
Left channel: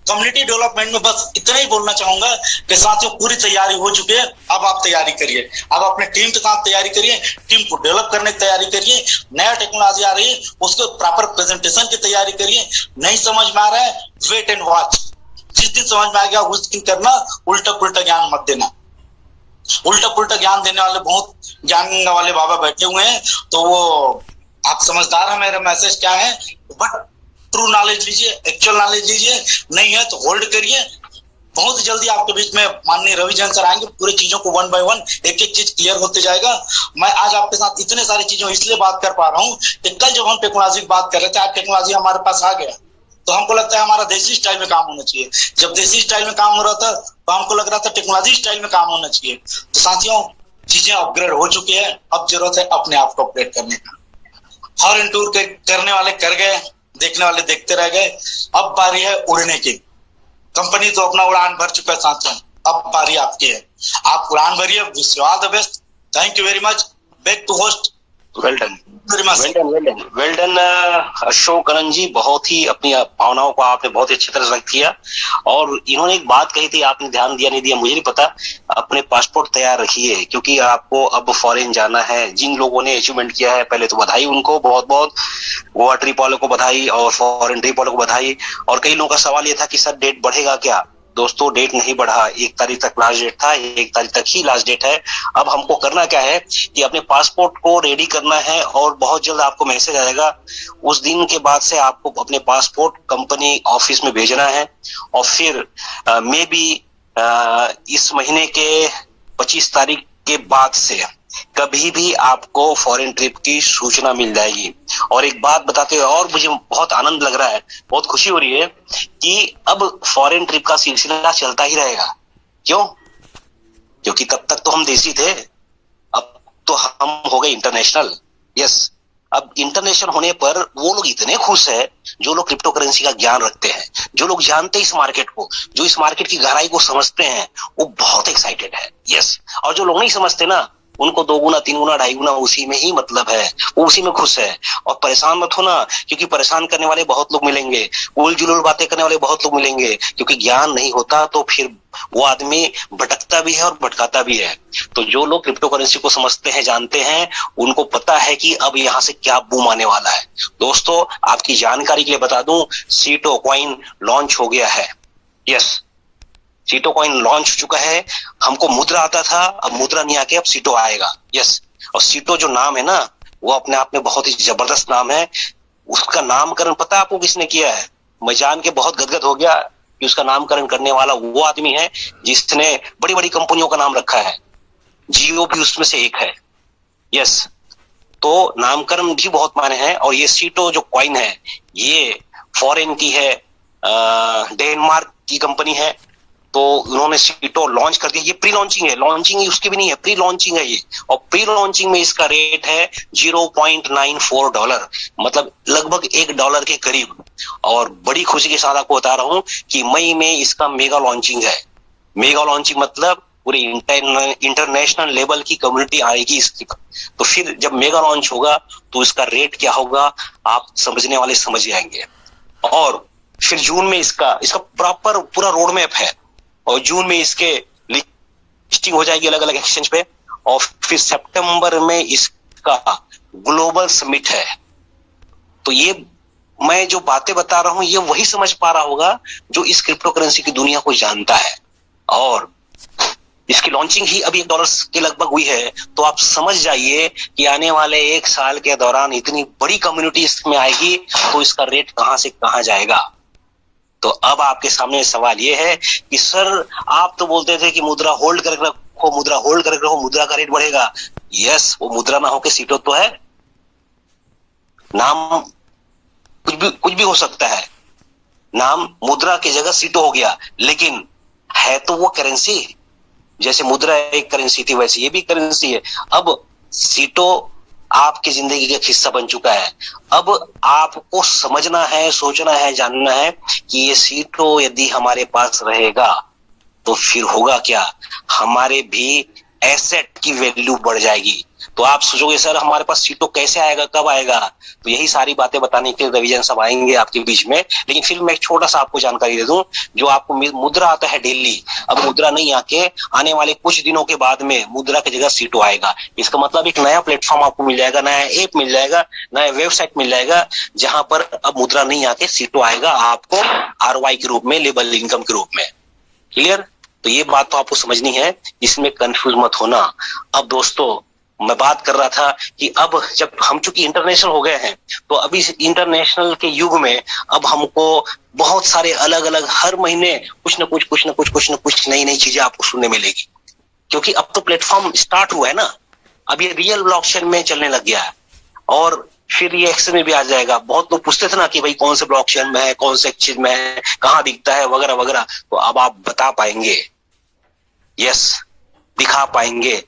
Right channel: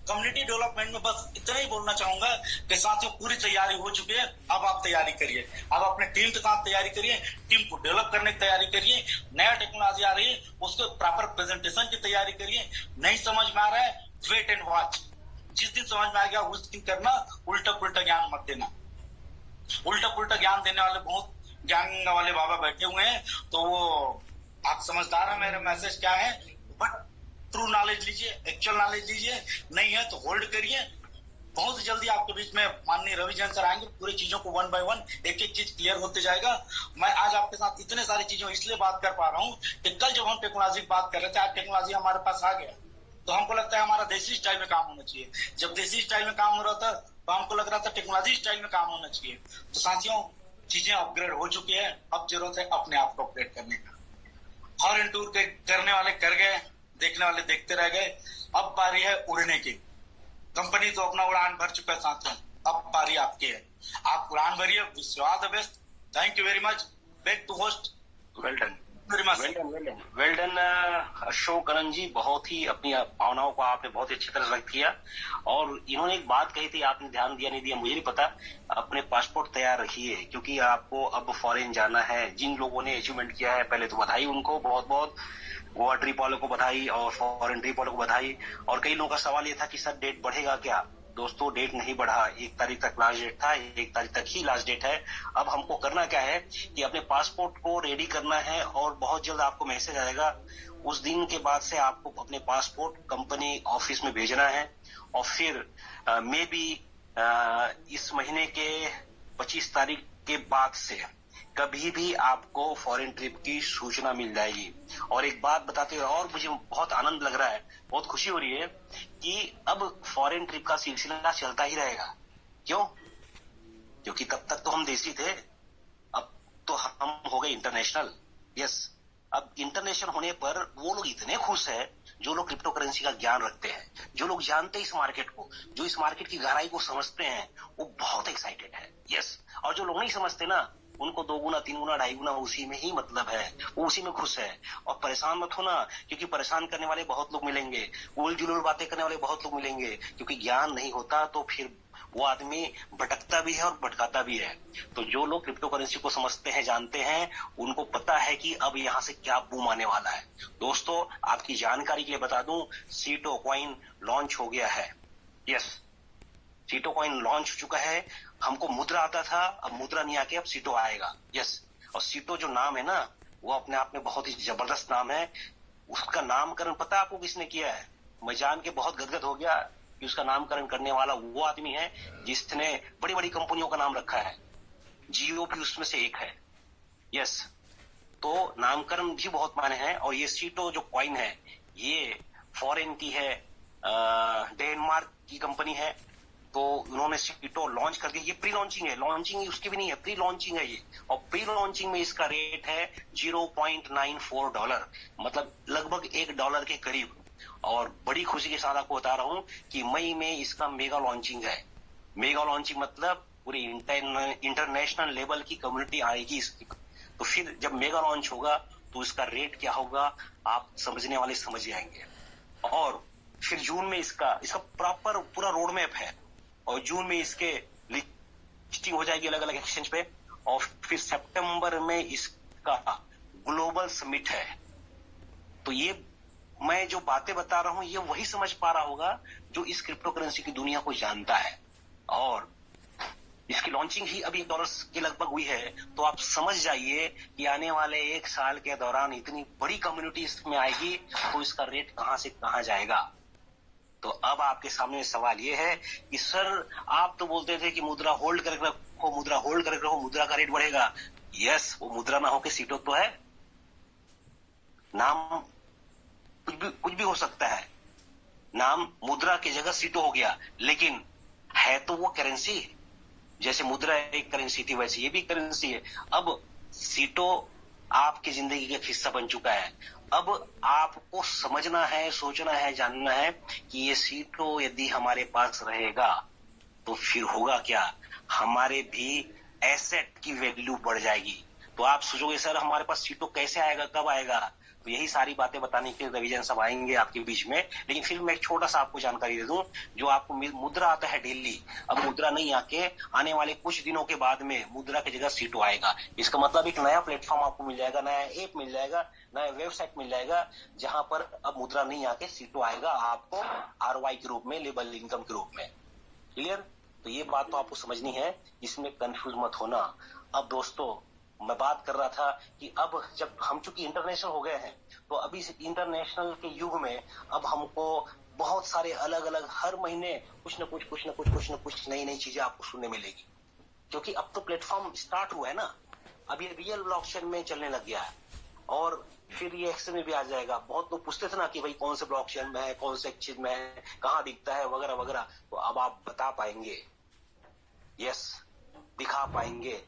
कम्युनिटी डेवलपमेंट में बस इतना ही बोलना चाहूंगा कि साथियों पूरी तैयारी हो चुकी है। अब आप तैयारी करिए, अब अपने टीम के साथ तैयारी करिए, टीम को डेवलप करने की तैयारी करिए। नया टेक्नोलॉजी आ रही है, उसको प्रॉपर प्रेजेंटेशन की तैयारी करिए। नहीं समझ में आ रहा है, वेट एंड वॉच। जिस दिन समझ में आ गया उस दिन करना, उल्टा पुल्टा ज्ञान मत देना। उल्टा पुल्टा ज्ञान देने वाले बहुत ज्ञान वाले बाबा बैठे हुए हैं, तो वो आप समझदार हैं। मेरा मैसेज क्या है, बट ट्रू नॉलेज लीजिए, एक्चुअल नॉलेज लीजिए। नहीं है तो होल्ड करिए। बहुत जल्दी आपके बीच में माननीय रवि जैन सर आएंगे, पूरी चीजों को वन बाय वन एक एक चीज क्लियर होते जाएगा। मैं आज आपके साथ इतने सारी चीजों इसलिए बात कर पा रहा हूँ कि कल जब हम टेक्नोलॉजी की बात कर रहे थे, आज टेक्नोलॉजी हमारे पास आ गया, तो हमको लगता है हमारा देसी स्टाइल में काम होना चाहिए। जब देसी स्टाइल में काम हो रहा था तो हमको लग रहा था टेक्नोलॉजी स्टाइल में काम होना चाहिए। तो साथियों, चीजें अपग्रेड हो चुकी है, अब जरूरत है अपने आप को अपग्रेड करने का। हॉर्न टूर करने वाले कर गए, देखने वाले देखते रह गए। अब बारी है उड़ने की। कंपनी तो अपना उड़ान भर चुका है साथियों, अब बारी आपकी है, आप कुरान भरिए। Wish you all the best, thank you very much, back to host. Well done, very much. Well done Ashok Karan ji, बहुत ही अपनी भावनाओं को आपने बहुत ही अच्छी तरह से व्यक्त किया। और इन्होंने एक बात कही थी, आपने ध्यान दिया नहीं दिया मुझे नहीं पता, अपने पासपोर्ट तैयार रखिए क्योंकि आपको अब फॉरेन जाना है। जिन लोगों ने अचीवमेंट किया है पहले तो बधाई उनको, बहुत बहुत गोवा ट्रिप वालों को बधाई और फॉरेन ट्रिप वालों को बधाई। और कई लोगों का सवाल ये था कि सर डेट बढ़ेगा क्या? दोस्तों डेट नहीं बढ़ा, 1 तारीख तक लास्ट डेट था, 1 तारीख तक ही लास्ट डेट है। अब हमको करना क्या है कि अपने पासपोर्ट को रेडी करना है और बहुत जल्द आपको मैसेज आएगा। उस दिन के बाद से आपको अपने पासपोर्ट कंपनी ऑफिस में भेजना है और फिर मे बी इस महीने के 25 तारीख के बाद से कभी भी आपको फॉरेन ट्रिप की सूचना मिल जाएगी। और एक बात बताते हुए और मुझे बहुत आनंद लग रहा है, बहुत खुशी हो रही है कि अब फॉरेन ट्रिप का सिलसिला चलता ही रहेगा। क्यों? क्योंकि तब तक तो हम देसी थे, अब तो हम हो गए इंटरनेशनल। यस, अब इंटरनेशनल होने पर वो लोग इतने खुश है जो लोग क्रिप्टो करेंसी का ज्ञान रखते हैं, जो लोग जानते हैं इस मार्केट को, जो इस मार्केट की गहराई को समझते हैं, वो बहुत एक्साइटेड है। यस, और जो लोग नहीं समझते ना, उनको 2 गुना 3 गुना 2.5 गुना उसी में ही मतलब है, वो उसी में खुश है। और परेशान मत होना, क्योंकि परेशान करने वाले बहुत लोग मिलेंगे, उल जुलूल बातें करने वाले बहुत लोग मिलेंगे, क्योंकि ज्ञान नहीं होता तो फिर वो आदमी भटकता भी है और भटकाता भी है। तो जो लोग क्रिप्टो करेंसी को समझते हैं, जानते हैं, उनको पता है कि अब यहाँ से क्या बूम आने वाला है। दोस्तों आपकी जानकारी के लिए बता दूं, सीटो कॉइन लॉन्च हो गया है। यस, सीटो कॉइन लॉन्च हो चुका है। हमको मुद्रा आता था, अब मुद्रा नहीं आके अब सीटो आएगा। यस, और सीटो जो नाम है ना, वो अपने आप में बहुत ही जबरदस्त नाम है। उसका नामकरण पता है आपको किसने किया है? मैं जान के बहुत गदगद हो गया कि उसका नामकरण करने वाला वो आदमी है जिसने बड़ी बड़ी कंपनियों का नाम रखा है, जियो भी उसमें से एक है। यस, तो नामकरण भी बहुत मायने हैं। और ये सीटो जो कॉइन है ये फॉरेन की है, डेनमार्क की कंपनी है। तो उन्होंने सीटो लॉन्च कर दिया। ये प्री लॉन्चिंग है, लॉन्चिंग उसकी भी नहीं है, प्री लॉन्चिंग है ये। और प्री लॉन्चिंग में इसका रेट है $0.94, मतलब लगभग $1 के करीब। और बड़ी खुशी के साथ आपको बता रहा हूं कि मई में इसका मेगा लॉन्चिंग है। मेगा लॉन्चिंग मतलब पूरी इंटरनेशनल लेवल की कम्युनिटी आएगी इसकी। तो फिर जब मेगा लॉन्च होगा तो इसका रेट क्या होगा आप समझने वाले समझ जाएंगे। और फिर जून में इसका प्रॉपर पूरा रोड मैप है और जून में इसके लिस्टिंग हो जाएगी अलग अलग एक्सचेंज पे। और फिर सितंबर में इसका ग्लोबल समिट है। तो ये मैं जो बातें बता रहा हूं ये वही समझ पा रहा होगा जो इस क्रिप्टो करेंसी की दुनिया को जानता है। और इसकी लॉन्चिंग ही अभी $1 के लगभग हुई है। तो आप समझ जाइए कि आने वाले 1 साल के दौरान इतनी बड़ी कम्युनिटी इसमें आएगी तो इसका रेट कहां से कहां जाएगा। तो अब आपके सामने सवाल ये है कि सर आप तो बोलते थे कि मुद्रा होल्ड करके रखो, मुद्रा होल्ड करके रखो, मुद्रा का रेट बढ़ेगा। यस, वो मुद्रा ना होके सीटो तो है, नाम कुछ भी हो सकता है, नाम मुद्रा की जगह सीटो हो गया, लेकिन है तो वो करेंसी। जैसे मुद्रा एक करेंसी थी वैसे ये भी करेंसी है। अब सीटो आपकी जिंदगी का हिस्सा बन चुका है। अब आपको समझना है, सोचना है, जानना है कि ये सीटो यदि हमारे पास रहेगा तो फिर होगा क्या, हमारे भी एसेट की वैल्यू बढ़ जाएगी। तो आप सोचोगे सर हमारे पास सीटो कैसे आएगा, कब आएगा? तो यही सारी बातें बताने के लिए रविजन साहब आएंगे आपके बीच में। लेकिन फिर मैं एक छोटा सा आपको जानकारी दे दूं, जो आपको मुद्रा आता है डेली, अब मुद्रा नहीं आके आने वाले कुछ दिनों के बाद में मुद्रा की जगह सीटो आएगा। इसका मतलब एक नया प्लेटफॉर्म आपको मिल जाएगा, नया ऐप मिल जाएगा, नया वेबसाइट मिल जाएगा, जहां पर अब मुद्रा नहीं आके सीटो आएगा आपको ROI के रूप में, लेबल इनकम के रूप में। क्लियर? तो ये बात तो आपको समझनी है, इसमें कंफ्यूज मत होना। अब दोस्तों मैं बात कर रहा था कि अब जब हम चूंकि इंटरनेशनल हो गए हैं तो अभी इस इंटरनेशनल के युग में अब हमको बहुत सारे अलग अलग हर महीने कुछ न कुछ नई चीजें आपको सुनने मिलेगी। क्योंकि अब तो प्लेटफॉर्म स्टार्ट हुआ है ना, अब ये रियल ब्लॉकचेन में चलने लग गया है और फिर ये एक्सचेंज में भी आ जाएगा। बहुत लोग पूछते थे ना कि भाई कौन से ब्लॉकचेन में है, कौन से एक्सचेंज में है, कहाँ दिखता है, वगैरह वगैरह। तो अब आप बता पाएंगे, यस दिखा पाएंगे।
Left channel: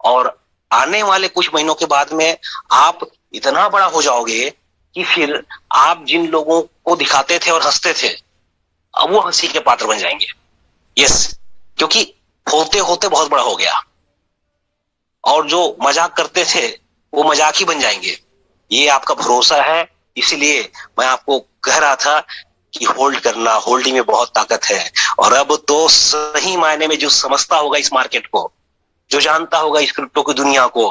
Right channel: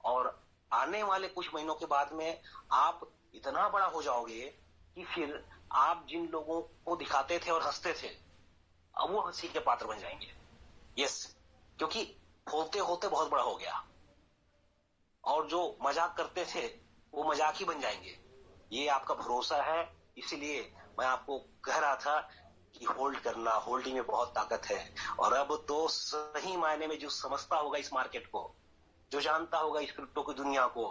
और आने वाले कुछ महीनों के बाद में आप इतना बड़ा हो जाओगे कि फिर आप जिन लोगों को दिखाते थे और हंसते थे अब वो हंसी के पात्र बन जाएंगे। यस, क्योंकि होते होते बहुत बड़ा हो गया और जो मजाक करते थे वो मजाक ही बन जाएंगे। ये आपका भरोसा है, इसीलिए मैं आपको कह रहा था कि होल्ड करना, होल्डिंग में बहुत ताकत है। और अब तो सही मायने में जो समझता होगा इस मार्केट को, जो जानता होगा इस क्रिप्टो की दुनिया को,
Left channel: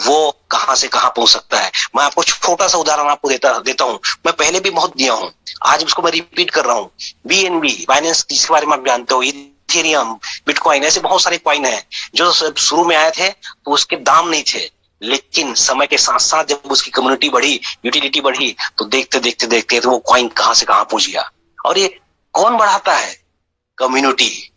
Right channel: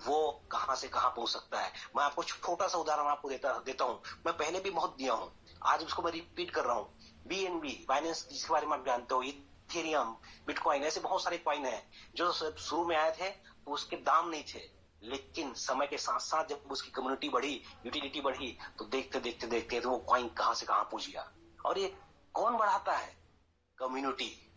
वो कहां से कहां पहुंच सकता है। मैं आपको छोटा सा उदाहरण आपको देता हूं। मैं पहले भी बहुत दिया हूं, आज उसको मैं रिपीट कर रहा हूं। BNB, बाइनेंस, जिसके बारे में आप जानते हो, इथेरियम, बिटकॉइन, ऐसे बहुत सारे कॉइन हैं जो शुरू में आए थे तो उसके दाम नहीं थे, लेकिन समय के साथ साथ जब उसकी कम्युनिटी बढ़ी, यूटिलिटी बढ़ी, तो देखते देखते देखते तो वो कॉइन कहां से कहां पहुंच गया। और ये कौन बढ़ाता है? कम्युनिटी।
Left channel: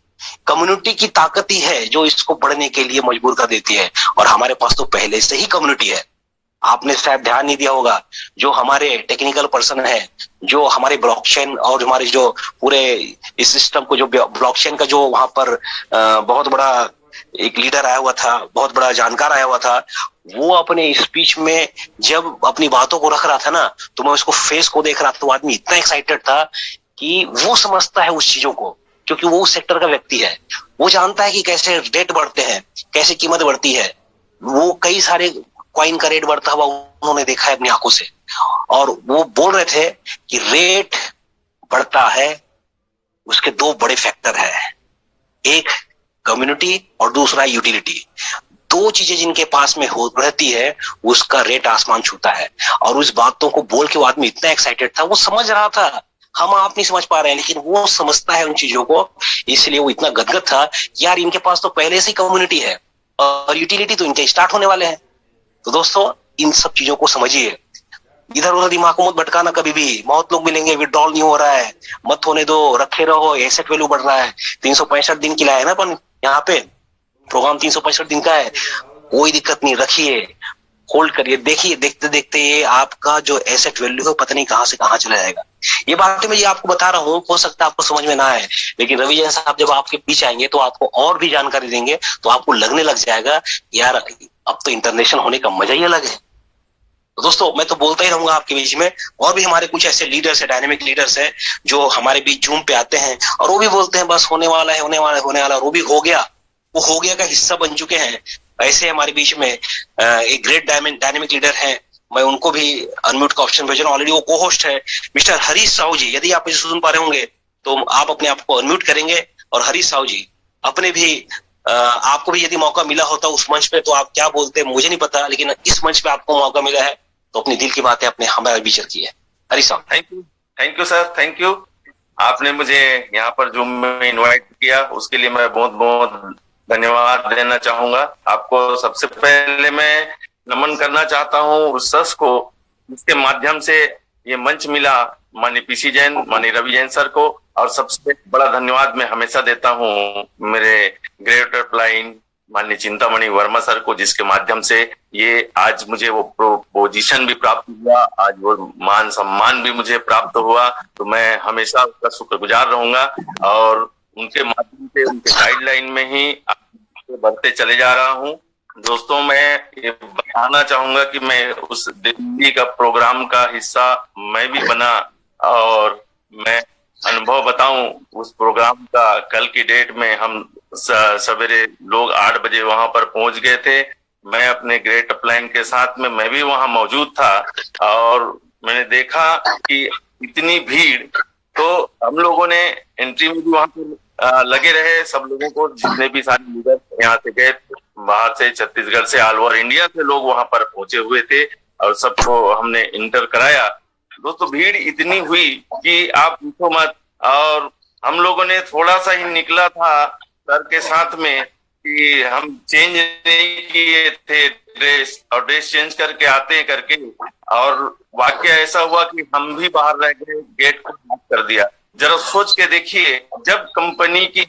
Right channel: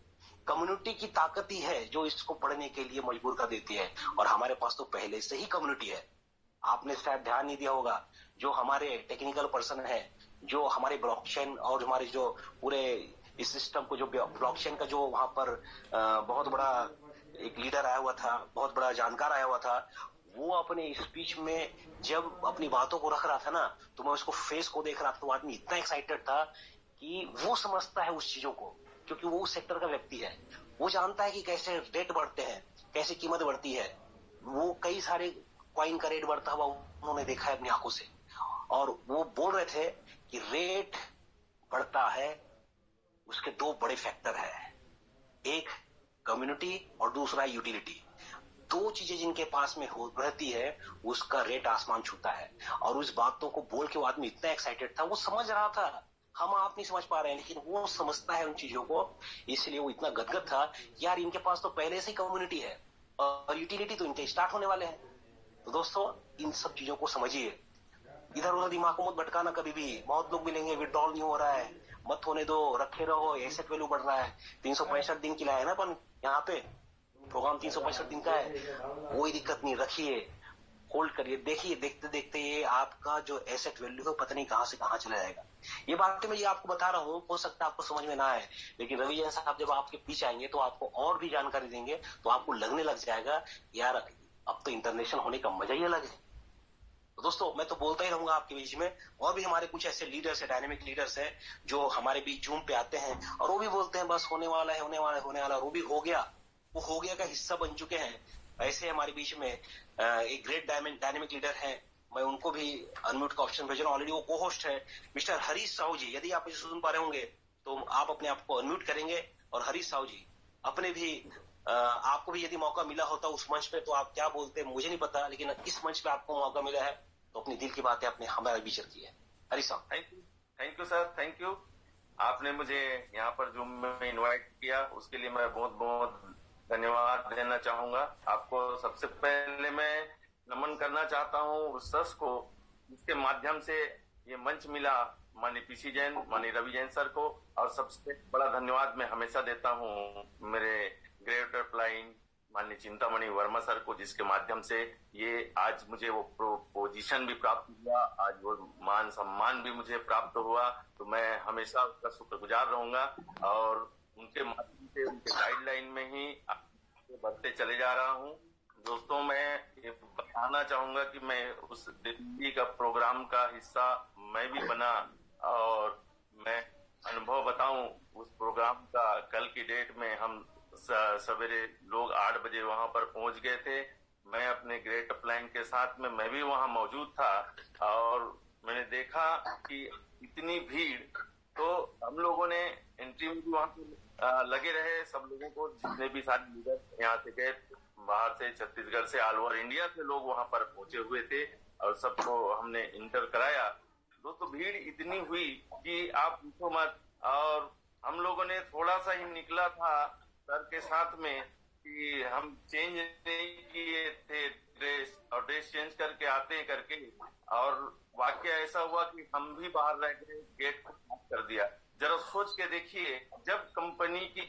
कम्युनिटी की ताकत ही है जो इसको बढ़ने के लिए मजबूर कर देती है। और हमारे पास तो पहले से ही कम्युनिटी है। आपने शायद ध्यान नहीं दिया होगा, जो हमारे टेक्निकल पर्सन है, जो हमारे ब्लॉकचेन और हमारे जो पूरे इस सिस्टम को, जो ब्लॉकचेन का जो वहां पर बहुत बड़ा एक लीडर आया हुआ था, बहुत बड़ा जानकार आया हुआ था, वो अपने स्पीच में जब अपनी बातों को रख रहा था ना, तो मैं उसको फेस को देख रहा था, तो आदमी इतना एक्साइटेड था कि वो समझता है उस चीजों को, क्योंकि वो उस सेक्टर का व्यक्ति है। वो जानता है कि कैसे रेट बढ़ते हैं, कैसे कीमत बढ़ती है। वो कई सारे कॉइन का रेट बढ़ता हुआ उन्होंने देखा है अपनी आंखों से, और वो बोल रहे थे कि रेट बढ़ता है, उसके दो बड़े फैक्टर है, एक कम्युनिटी और दूसरा यूटिलिटी। दो चीजें जिनके पास में हो रहती है, उसका रेट आसमान छूता है। और उस बातों को बोल के वो आदमी इतना एक्साइटेड था, वो समझ रहा था, हम आप नहीं समझ पा रहे हैं, लेकिन वो समझता है उन चीजों को, इसलिए वो इतना गदगद था। यार इनके पास तो पहले से ही कम्युनिटी है और यूटिलिटी तो इनके स्टार्ट होने वाले हैं। तो दोस्तों, इन सब चीजों को समझिए, इधर उधर दिमाग को मत भटकाना कभी भी। बहुत लोग मिलेंगे, विड्रॉल नहीं हो रहा है, मत होने दो, रखे रहो, एसेट वैल्यू बढ़ रहा है। 365 दिन की लाए ना अपन, यहाँ पे प्रोग्राम 365 दिन का है, कोई दिक्कत नहीं, रखिए, होल्ड करिए, देखिए, देखते देखते ये आपका जो एसेट वैल्यू है पता नहीं कहां से कहां चला जाएगा। ये बातें मैं ये आपको बता रहा हूँ, हो सकता है आपको समझ में ना आए, लेकिन रवि जैन साहब जब आपके बीच आएंगे तो आपको और भी जानकारी देंगे, तो आपको लगने लग जाएगा यार अब तो इंटरनेशनल होने का मजा ही अलग है। तो दोस्तों, मैं तो बोलता ही रहूंगा आपके बीच में। और भी हमारे कुछ ऐसे लीडर्स है, डायनेमिक लीडर्स है, जो हमारे बीच जूम पे आते हैं और वो भी बोलते हैं बस होने वाला है, होने वाला है, होने वाला है, वो भी हो गया, वो हो गया का हिस्सा बन चुके हैं। ऐसे हमारे बीच में एक ग्रेट डायनेमिक लीडर है, मैं उनको भी अनम्यूट का ऑप्शन भेज रहा हूँ। ऑलरेडी वो को होस्ट है, मिस्टर हरीश साहू जी। यदि आप मुझे सुन पा रहे होंगे तो आप अपने आप को अनम्यूट करेंगे। और हरीश साहू जी, अपने भी आपको भी यदि मौका मिला होता उस मंच पे, तो आप क्या बोलते मुझे नहीं पता, लेकिन इस मंच पे आपको मौका मिला है तो अपनी दिल की बातें अपने हमारे बीच रखी है। हरीश साहब। Thank you sir, thank you. आपने मुझे यहाँ पर जूम में इनवाइट किया, उसके लिए मैं बहुत बहुत धन्यवाद देना चाहूंगा। आपको सबसे पहले मैं नमन करना चाहता हूँ उस शख्स को जिसके माध्यम से ये मंच मिला, माननीय पीसी जैन, माननीय रवि जैन सर को। और सबसे बड़ा धन्यवाद मैं हमेशा देता हूँ मेरे ग्रेट अपलाइन माननीय चिंतामणि वर्मा सर को, जिसके माध्यम से ये आज मुझे वो पोजीशन भी प्राप्त हुआ, आज वो मान सम्मान भी मुझे प्राप्त हुआ। तो मैं हमेशा उसका शुक्रगुजार रहूंगा और उनके माध्यम से, उनके गाइडलाइन में ही बढ़ते चले जा रहा हूँ। दोस्तों, मैं ये बताना चाहूंगा कि मैं उस दिल्ली का प्रोग्राम का हिस्सा मैं भी बना, और मैं अनुभव बताऊं उस प्रोग्राम का। कल की डेट में हम सवेरे लोग 8 बजे वहां पर पहुंच गए थे। मैं अपने ग्रेट अपलाइन के साथ में मैं भी वहां मौजूद था और मैंने देखा कि इतनी भीड़, तो हम लोगों ने एंट्री में भी वहां पर लगे रहे। सब लोगों को, जितने भी सारे लीडर यहाँ से गए, बाहर से, छत्तीसगढ़ से, ऑल ओवर इंडिया से लोग वहां पर पहुंचे हुए थे और सबको हमने इंटर कराया। दोस्तों, भीड़ इतनी हुई कि आप पूछो मत। और हम लोगों ने थोड़ा सा ही निकला था सर के साथ में कि हम चेंज नहीं किए थे ड्रेस, और ड्रेस चेंज करके आते करके, और वाकया ऐसा हुआ कि हम भी बाहर रह गए, गेट को बंद कर दिया। जरा सोच के देखिए, जब कंपनी की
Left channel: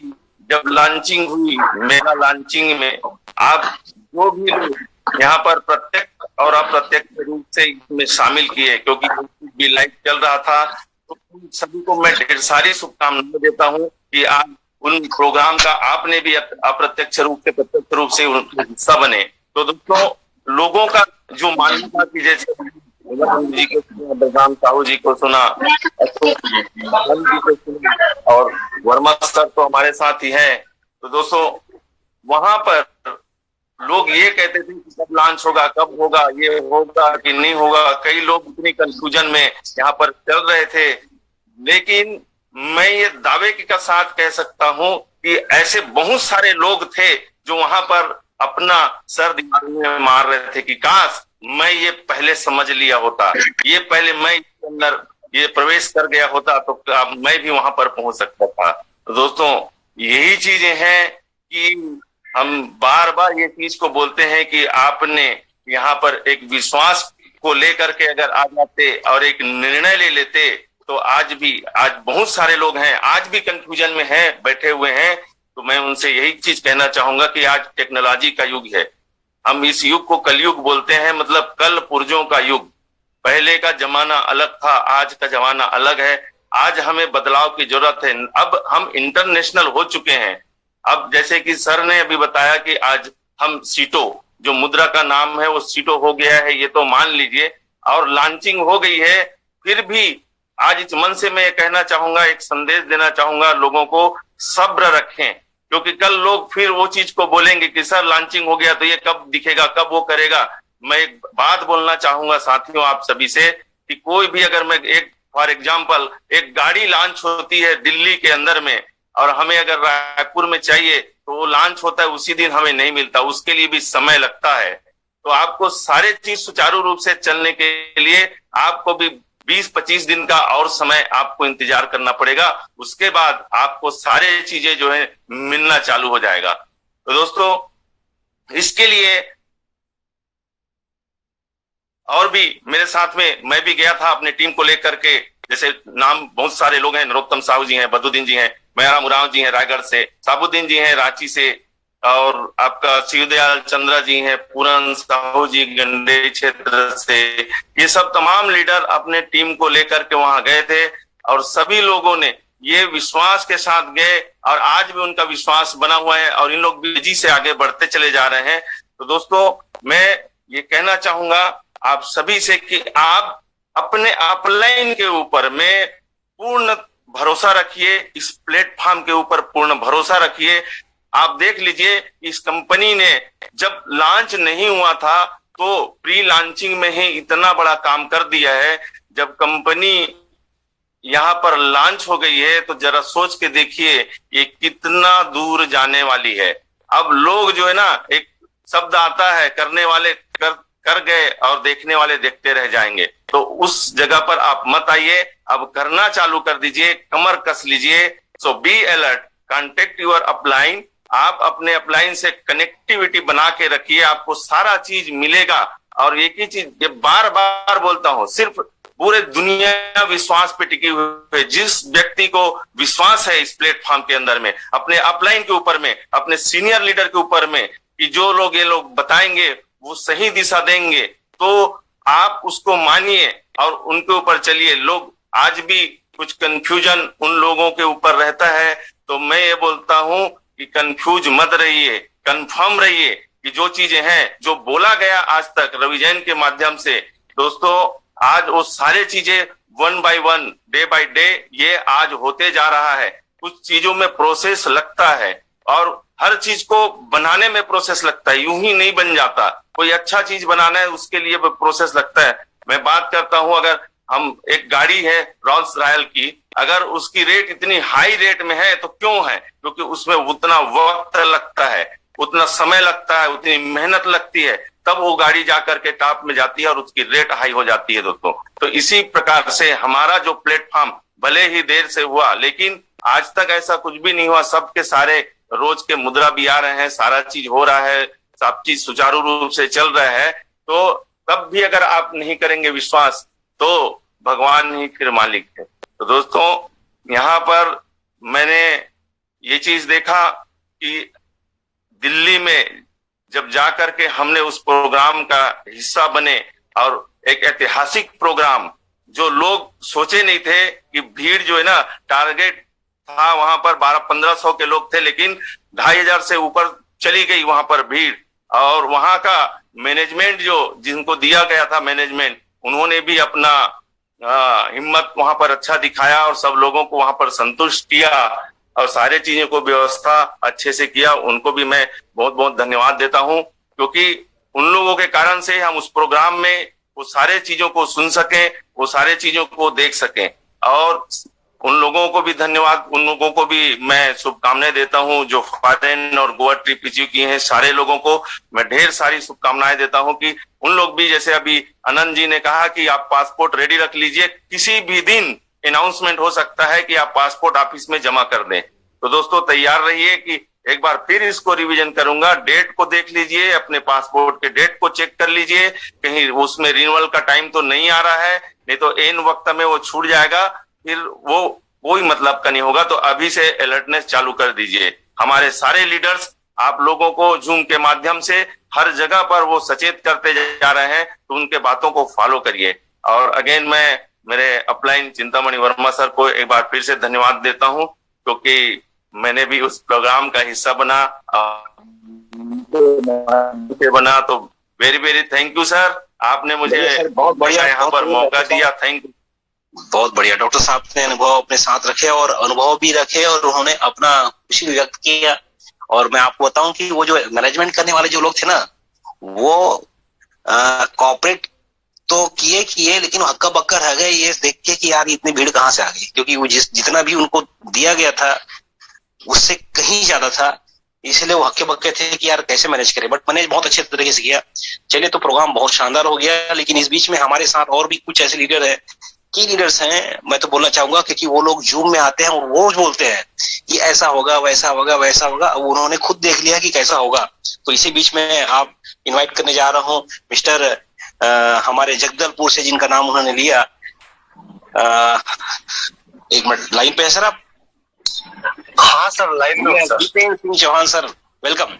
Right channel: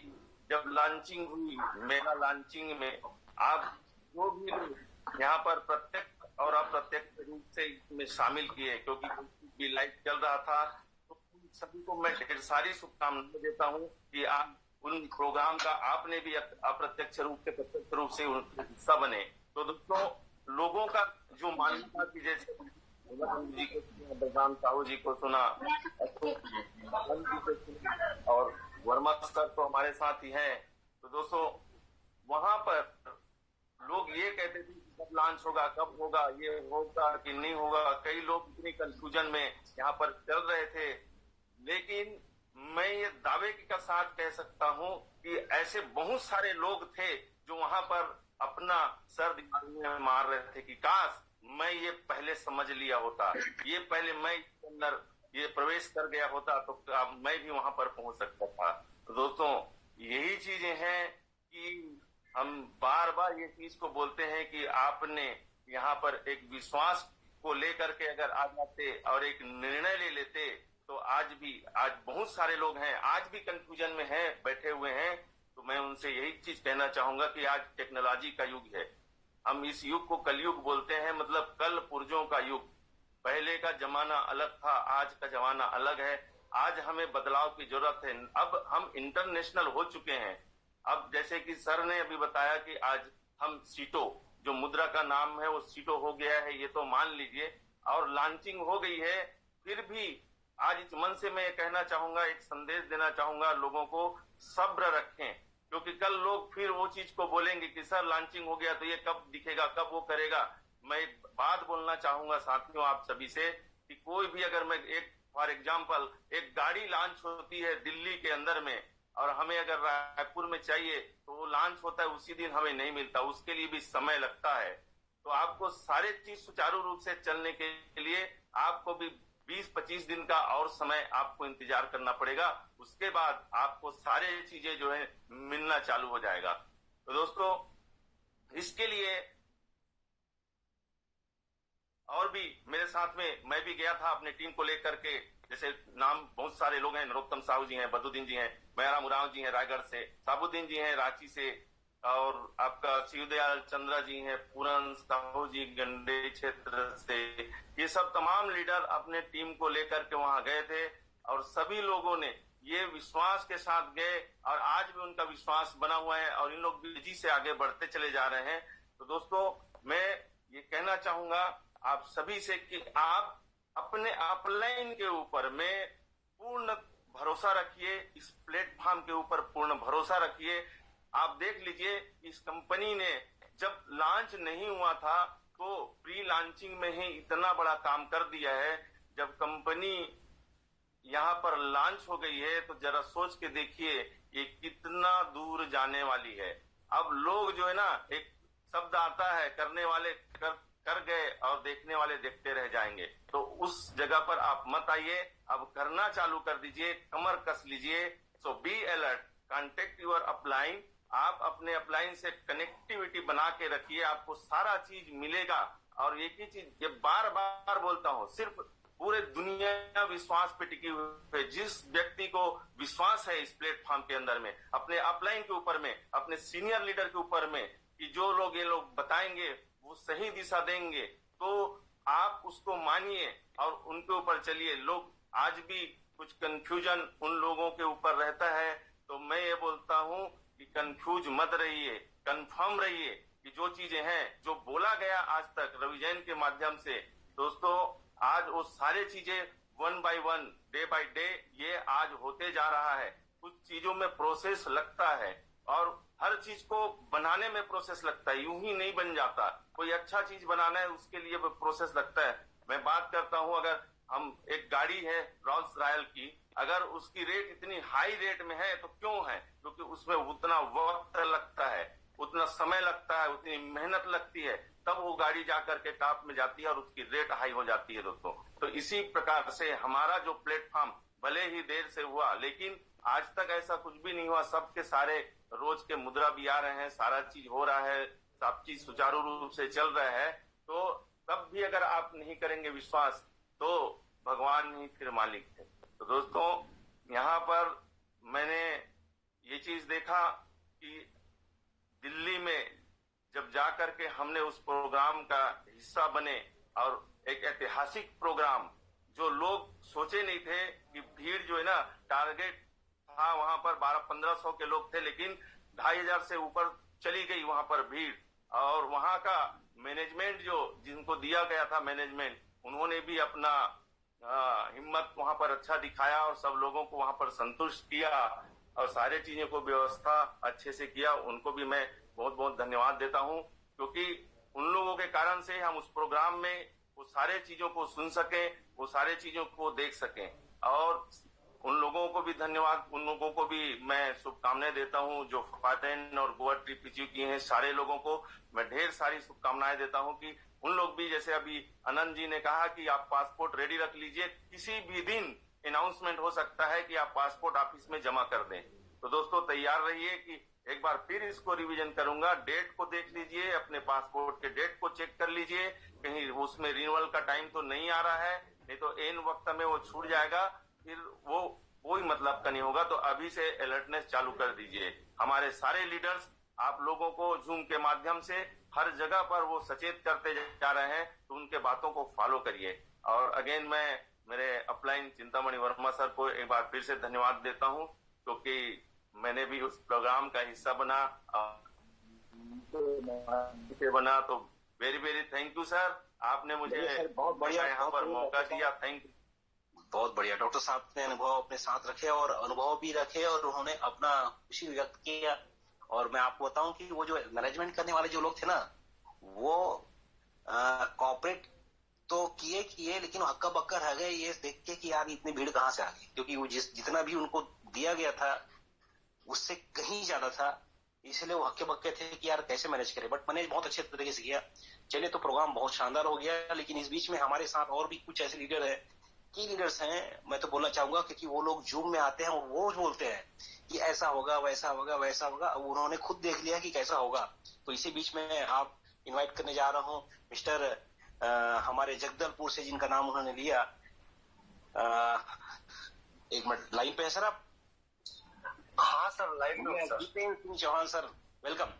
जब लॉन्चिंग हुई, मेगा लॉन्चिंग में आप जो भी लोग यहाँ पर प्रत्यक्ष और अप्रत्यक्ष रूप से इसमें शामिल किए, क्योंकि भी लाइव चल रहा था, तो सभी को मैं ढेर सारी शुभकामनाएं देता हूँ कि आप उन प्रोग्राम का आपने भी अप्रत्यक्ष रूप से प्रत्यक्ष रूप से उनका हिस्सा बने। तो दोस्तों, लोगों का जो मानना था कि जैसे जी को सुना, बलराम साहू जी को सुना, अशोक जी को सुना, और वर्मा सर तो हमारे साथ ही हैं। तो तो दोस्तों वहां पर लोग ये कहते थे कि कब लॉन्च होगा, कब होगा, ये होगा कि नहीं होगा। कई लोग इतनी कंफ्यूजन में यहाँ पर चल रहे थे, लेकिन मैं ये दावे के साथ कह सकता हूं कि ऐसे बहुत सारे लोग थे जो वहां पर अपना सर दीवार में मार रहे थे कि काश मैं ये पहले समझ लिया होता, ये पहले मैं इसके अंदर ये प्रवेश कर गया होता तो मैं भी वहां पर पहुंच सकता था। तो दोस्तों यही चीजें हैं कि हम बार बार ये चीज को बोलते हैं कि आपने यहाँ पर एक विश्वास को लेकर के अगर आ जाते और एक निर्णय ले लेते तो आज बहुत सारे लोग हैं, आज भी कंफ्यूजन में हैं, बैठे हुए हैं। तो मैं उनसे यही चीज कहना चाहूंगा कि आज टेक्नोलॉजी का युग है। हम इस युग को कलयुग बोलते हैं, मतलब कल पुर्जों का युग। पहले का जमाना अलग था, आज का जमाना अलग है। आज हमें बदलाव की जरूरत है। अब हम इंटरनेशनल हो चुके हैं। अब जैसे कि सर ने अभी बताया कि आज हम सीटो, जो मुद्रा का नाम है वो सीटो हो गया है, ये तो मान लीजिए, और लॉन्चिंग हो गई है। फिर भी आज इस मन से मैं कहना चाहूंगा, एक संदेश देना चाहूंगा लोगों को, सब्र रखें, क्योंकि कल लोग फिर वो चीज को बोलेंगे कि सर लॉन्चिंग हो गया तो ये कब दिखेगा, कब वो करेगा। मैं एक बात बोलना चाहूंगा साथियों आप सभी से कि कोई भी अगर मैं एक फॉर एग्जाम्पल एक गाड़ी लॉन्च होती है दिल्ली के अंदर में और हमें अगर रायपुर में चाहिए तो वो लॉन्च होता है उसी दिन, हमें नहीं मिलता, उसके लिए भी समय लगता है। तो आपको सारे चीज सुचारू रूप से चलने के लिए आपको भी 20-25 दिन का और समय आपको इंतजार करना पड़ेगा। उसके बाद आपको सारे चीजें जो है मिलना चालू हो जाएगा। तो दोस्तों इसके लिए और भी मेरे साथ में मैं भी गया था अपने टीम को लेकर के, जैसे नाम बहुत सारे लोग हैं, नरोत्तम साहू जी हैं, बद्रुद्दीन जी हैं, मेहराम उरांव जी हैं रायगढ़ से, साबुद्दीन जी हैं रांची से, और आपका शिवदयाल चंद्रा जी हैं, पूरन साहू जी गंडे क्षेत्र से। ये सब तमाम लीडर अपने टीम को लेकर के वहां गए थे और सभी लोगों ने ये विश्वास के साथ गए और आज भी उनका विश्वास बना हुआ है और इन लोग भी तेजी से आगे बढ़ते चले जा रहे हैं। तो दोस्तों मैं ये कहना चाहूंगा आप सभी से कि आप अपने अपलाइन के ऊपर में पूर्ण भरोसा रखिए, इस प्लेटफॉर्म के ऊपर पूर्ण भरोसा रखिए। आप देख लीजिए इस कंपनी ने जब लॉन्च नहीं हुआ था तो प्री लॉन्चिंग में ही इतना बड़ा काम कर दिया है। जब कंपनी यहाँ पर लॉन्च हो गई है तो जरा सोच के देखिए ये कितना दूर जाने वाली है। अब लोग जो है ना, एक शब्द आता है, करने वाले कर गए और देखने वाले देखते रह जाएंगे। तो उस जगह पर आप मत आइए, अब करना चालू कर दीजिए, कमर कस लीजिए। So be alert, contact your upline. आप अपने अपलाइन से कनेक्टिविटी बना के रखिए, आपको सारा चीज मिलेगा। और एक ही चीज ये बार बार बोलता हूं, सिर्फ पूरे दुनिया विश्वास पे टिकी हुई है। जिस व्यक्ति को विश्वास है इस प्लेटफॉर्म के अंदर में, अपने अपलाइन के ऊपर में, अपने सीनियर लीडर के ऊपर में, कि जो लोग ये लोग बताएंगे वो सही दिशा देंगे, तो आप उसको मानिए और उनके ऊपर चलिए। लोग आज भी कुछ कंफ्यूजन उन लोगों के ऊपर रहता है, तो मैं ये बोलता हूं कि कंफ्यूज मत रहिए, कंफर्म रहिए कि जो चीजें हैं, जो बोला गया आज तक रवि जैन के माध्यम से, दोस्तों आज वो सारे चीजें one by one, day by day ये आज होते जा रहा है। कुछ चीजों में प्रोसेस लगता है और हर चीज को बनाने में प्रोसेस लगता है, यूं ही नहीं बन जाता। कोई अच्छा चीज बनाना है उसके लिए प्रोसेस लगता है। मैं बात करता हूं, अगर हम एक गाड़ी है रोल्स रॉयल की, अगर उसकी रेट इतनी हाई रेट में है तो क्यों है? क्योंकि उसमें उतना वक्त लगता है, उतना समय लगता है, उतनी मेहनत लगती है, तब वो गाड़ी जाकर के टॉप में जाती है और उसकी रेट हाई हो जाती है दोस्तों। तो इसी प्रकार से हमारा जो प्लेटफॉर्म भले ही देर से हुआ, लेकिन आज तक ऐसा कुछ भी नहीं हुआ। सबके सारे रोज के मुद्रा भी आ रहे हैं, सारा चीज हो रहा है, सब चीज सुचारू रूप से चल रहा है। तो तब भी अगर आप नहीं करेंगे विश्वास तो भगवान ही फिर मालिक है। तो दोस्तों यहाँ पर मैंने ये चीज देखा कि दिल्ली में जब जाकर के हमने उस प्रोग्राम का हिस्सा बने, और एक ऐतिहासिक प्रोग्राम, जो लोग सोचे नहीं थे कि भीड़ जो है ना, टारगेट था वहां पर 1200-1500 के लोग थे, लेकिन 2500 से ऊपर चली गई वहां पर भीड़। और वहां का मैनेजमेंट जो जिनको दिया गया था मैनेजमेंट, उन्होंने भी अपना हिम्मत वहां पर अच्छा दिखाया और सब लोगों को वहां पर संतुष्ट किया। और सारे चीजों को व्यवस्था अच्छे से किया, उनको भी मैं बहुत बहुत धन्यवाद देता हूं, क्योंकि उन लोगों के कारण से हम उस प्रोग्राम में वो सारे चीजों को सुन सकें, वो सारे चीजों को देख सकें। और उन लोगों को भी धन्यवाद, उन लोगों को भी मैं शुभकामनाएं देता हूं जो फॉरेन और गोवा ट्रिप अचीव किए हैं। सारे लोगों को मैं ढेर सारी शुभकामनाएं देता हूं कि उन लोग भी, जैसे अभी आनंद जी ने कहा कि आप पासपोर्ट रेडी रख लीजिए, किसी भी दिन अनाउंसमेंट हो सकता है कि आप पासपोर्ट ऑफिस में जमा कर दें। तो दोस्तों तैयार रहिए कि एक बार फिर इसको रिवीजन करूंगा। डेट को देख लीजिए, अपने पासपोर्ट के डेट को चेक कर लीजिए, कहीं उसमें रिन्यूअल का टाइम तो नहीं आ रहा है, नहीं तो एन वक्त में वो छूट जाएगा, फिर वो कोई मतलब का नहीं होगा। तो अभी से अलर्टनेस चालू कर दीजिए। हमारे सारे लीडर्स आप लोगों को जूम के माध्यम से हर जगह पर वो सचेत करते जा रहे हैं, तो उनके बातों को फॉलो करिए। और अगेन मैं मेरे अपलाइन चिंतामणि वर्मा सर को एक बार फिर से धन्यवाद देता हूं, क्योंकि मैंने भी उस प्रोग्राम का हिस्सा बना। तो very very thank you sir, आपने मुझे बहुत बढ़िया यहाँ पर मौका दिया। Thank you. बहुत बढ़िया डॉक्टर साहब ने अनुभव अपने साथ रखे और अनुभव भी रखे और उन्होंने अपना खुशी व्यक्त किया। और मैं आपको बताऊं कि वो जो मैनेजमेंट करने वाले जो लोग थे ना, वो कॉर्पोरेट तो किए लेकिन हक्का बक्का रह गए ये देख के कि यार इतनी भीड़ कहाँ से आ गई, क्योंकि वो जितना भी उनको दिया गया था उससे कहीं ज्यादा था, इसलिए वो हक्के बक्के थे कि यार कैसे मैनेज करें। बट मैनेज बहुत अच्छे तरीके से किया। चलिए, तो प्रोग्राम बहुत शानदार हो गया। लेकिन इस बीच में हमारे साथ और भी कुछ ऐसे लीडर हैं, की लीडर्स हैं, मैं तो बोलना चाहूंगा, क्योंकि वो लोग जूम में आते हैं और वो बोलते हैं कि ऐसा होगा, वैसा होगा, वैसा होगा। उन्होंने खुद देख लिया कि कैसा होगा। तो इसी बीच में आप इन्वाइट करने जा रहा हूँ मिस्टर हमारे जगदलपुर से, जिनका नाम उन्होंने लिया। एक मिनट लाइन पे है सर आप? हाँ सर, लाइन पे sir. Jitendra Singh Chauhan sir, welcome.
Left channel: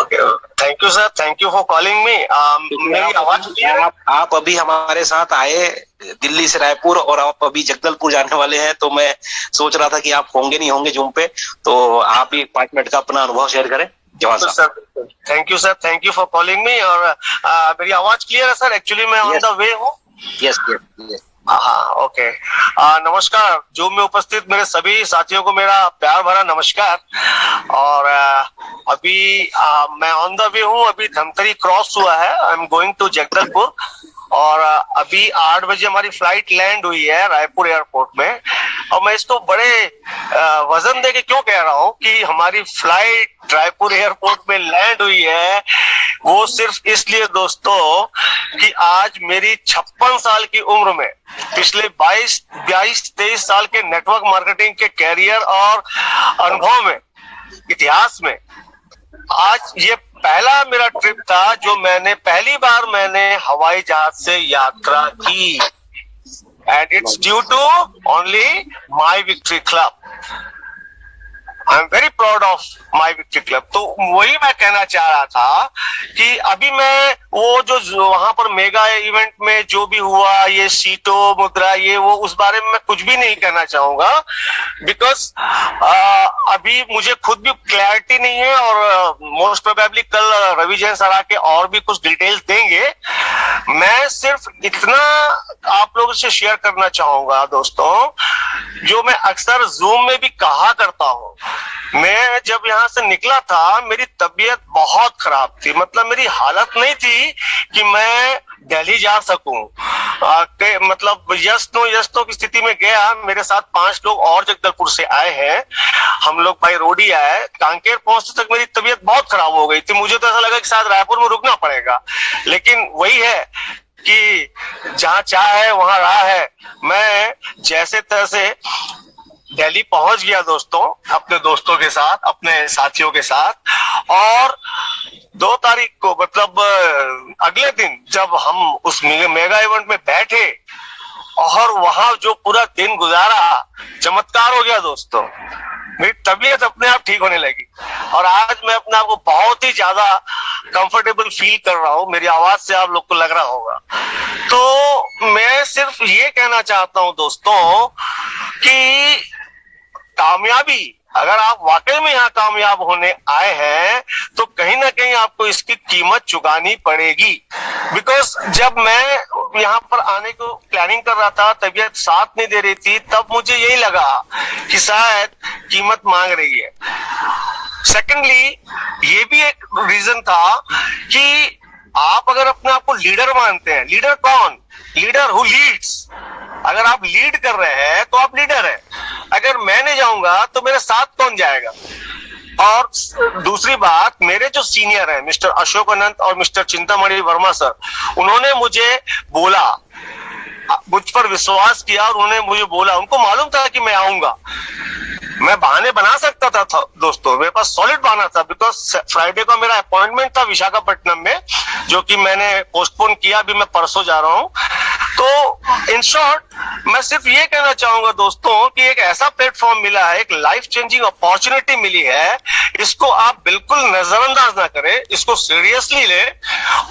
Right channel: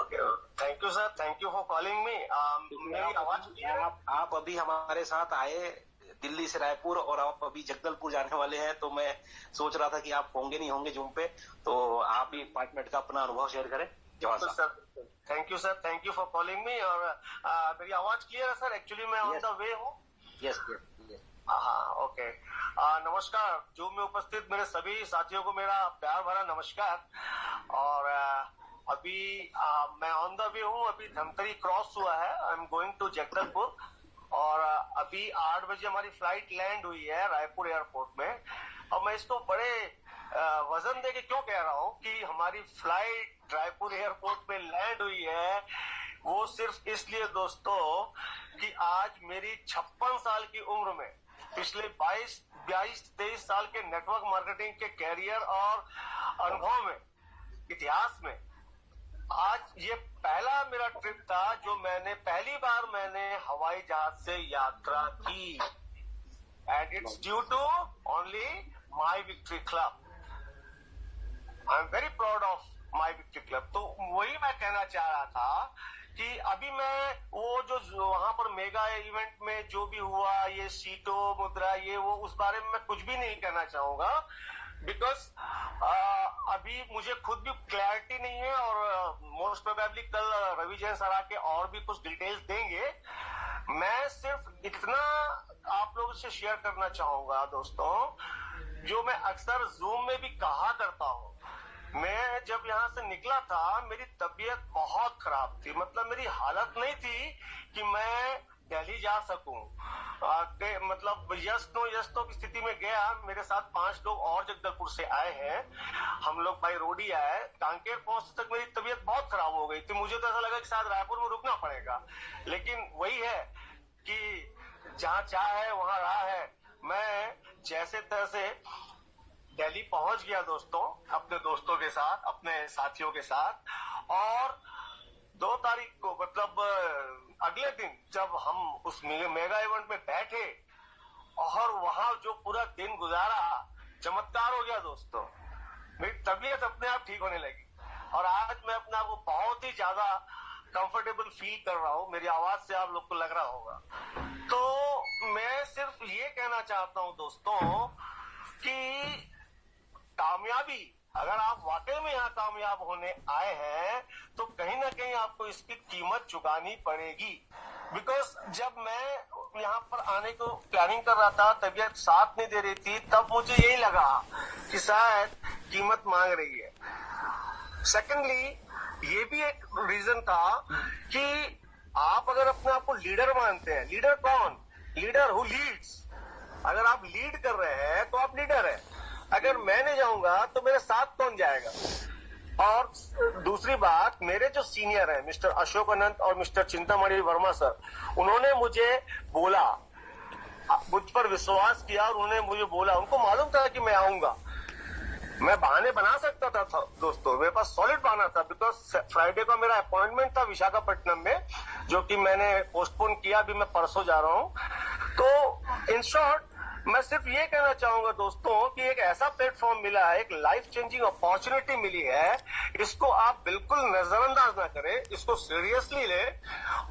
Okay, thank you sir, thank you for calling me. मेरी आवाज आप अभी हमारे साथ आए दिल्ली से रायपुर और आप अभी जगदलपुर जाने वाले हैं, तो मैं सोच रहा था कि आप होंगे नहीं होंगे जूम पे, तो आप भी 5 मिनट का अपना अनुभव शेयर करें। जवान साहब। Thank you sir, thank you for calling मी। और मेरी आवाज क्लियर है सर? एक्चुअली मैं ऑन द वे हूँ। यस। हाँ, ओके। नमस्कार। जूम में उपस्थित मेरे सभी साथियों को मेरा प्यार भरा नमस्कार। और अभी मैं ऑन द वे हूँ। अभी धमतरी क्रॉस हुआ है। I am going to Jagdalpur. और अभी 8 बजे हमारी फ्लाइट लैंड हुई है रायपुर एयरपोर्ट में। और मैं इसको बड़े वजन दे के क्यों कह रहा हूँ कि हमारी फ्लाइट रायपुर एयरपोर्ट में लैंड हुई है, वो सिर्फ इसलिए दोस्तों कि आज मेरी 56 साल की उम्र में, पिछले 22-23 साल के नेटवर्क मार्केटिंग के कैरियर और अनुभव में, इतिहास में, आज ये पहला मेरा ट्रिप था जो पहली बार मैंने हवाई जहाज से यात्रा की। And it's due to only my victory club. I am very proud of my victory club. तो वही मैं कहना चाह रहा था कि अभी मैं वो जो वहां पर मेगा इवेंट में जो भी हुआ, ये सीटो मुद्रा, ये वो, उस बारे में मैं कुछ भी नहीं कहना चाहूंगा, बिकॉज अभी मुझे खुद भी क्लैरिटी नहीं है। और मोस्ट प्रोबेबली कल रवि जैन सर आके और भी कुछ डिटेल्स देंगे। मैं सिर्फ इतना आप लोगों से शेयर करना चाहूंगा दोस्तों, जो मैं अक्सर जूम में भी कहा करता हूं। मैं जब यहाँ से निकला था, मेरी तबीयत बहुत खराब थी। मतलब मेरी हालत नहीं थी कि मैं दिल्ली जा सकूं। मतलब यस नो की स्थिति में गया। मेरे साथ 5 लोग और जगदलपुर से आए हैं। हम लोग बाई रोड ही आए। कांकेर पहुंचते तक मेरी तबीयत बहुत खराब हो गई थी। मुझे तो ऐसा लगा कि शायद रायपुर में रुकना पड़ेगा। लेकिन वही है कि जहां चाह है वहां राह है। मैं जैसे तैसे दिल्ली पहुंच गया दोस्तों, अपने दोस्तों के साथ, अपने साथियों के साथ। और 2 तारीख को, मतलब अगले दिन, जब हम उस मेगा इवेंट में बैठे और वहां जो पूरा दिन गुजारा, चमत्कार हो गया दोस्तों। मेरी तबीयत अपने आप ठीक होने लगी और आज मैं अपने आप को बहुत ही ज्यादा कंफर्टेबल फील कर रहा हूं। मेरी आवाज से आप लोग को लग रहा होगा। तो मैं सिर्फ ये कहना चाहता हूं दोस्तों कि कामयाबी, अगर आप वाकई में यहाँ कामयाब होने आए हैं, तो कहीं ना कहीं आपको इसकी कीमत चुकानी पड़ेगी। बिकॉज जब मैं यहाँ पर आने को प्लानिंग कर रहा था, तबीयत साथ नहीं दे रही थी, तब मुझे यही लगा कि शायद कीमत मांग रही है। सेकेंडली ये भी एक रीजन था कि आप अगर अपने आप को लीडर मानते हैं, लीडर कौन? Leader who Leeds. अगर आप लीड कर रहे हैं तो आप लीडर हैं। अगर मैं नहीं जाऊंगा तो मेरे साथ कौन जाएगा? और दूसरी बात, मेरे जो सीनियर हैं मिस्टर अशोक अनंत और मिस्टर चिंतामणि वर्मा सर, उन्होंने मुझे बोला, मुझ पर विश्वास किया और उन्होंने मुझे बोला, उनको मालूम था कि मैं आऊंगा। मैं बहाने बना सकता था दोस्तों, मेरे पास सॉलिड बहाना था, बिकॉज फ्राइडे को मेरा अपॉइंटमेंट था विशाखापट्टनम में, जो कि मैंने पोस्टपोन किया, अभी मैं परसों जा रहा हूं। तो इन शॉर्ट मैं सिर्फ ये कहना चाहूंगा दोस्तों कि एक ऐसा प्लेटफॉर्म मिला है, एक लाइफ चेंजिंग अपॉर्चुनिटी मिली है, इसको आप बिल्कुल नजरअंदाज ना करें, इसको सीरियसली ले।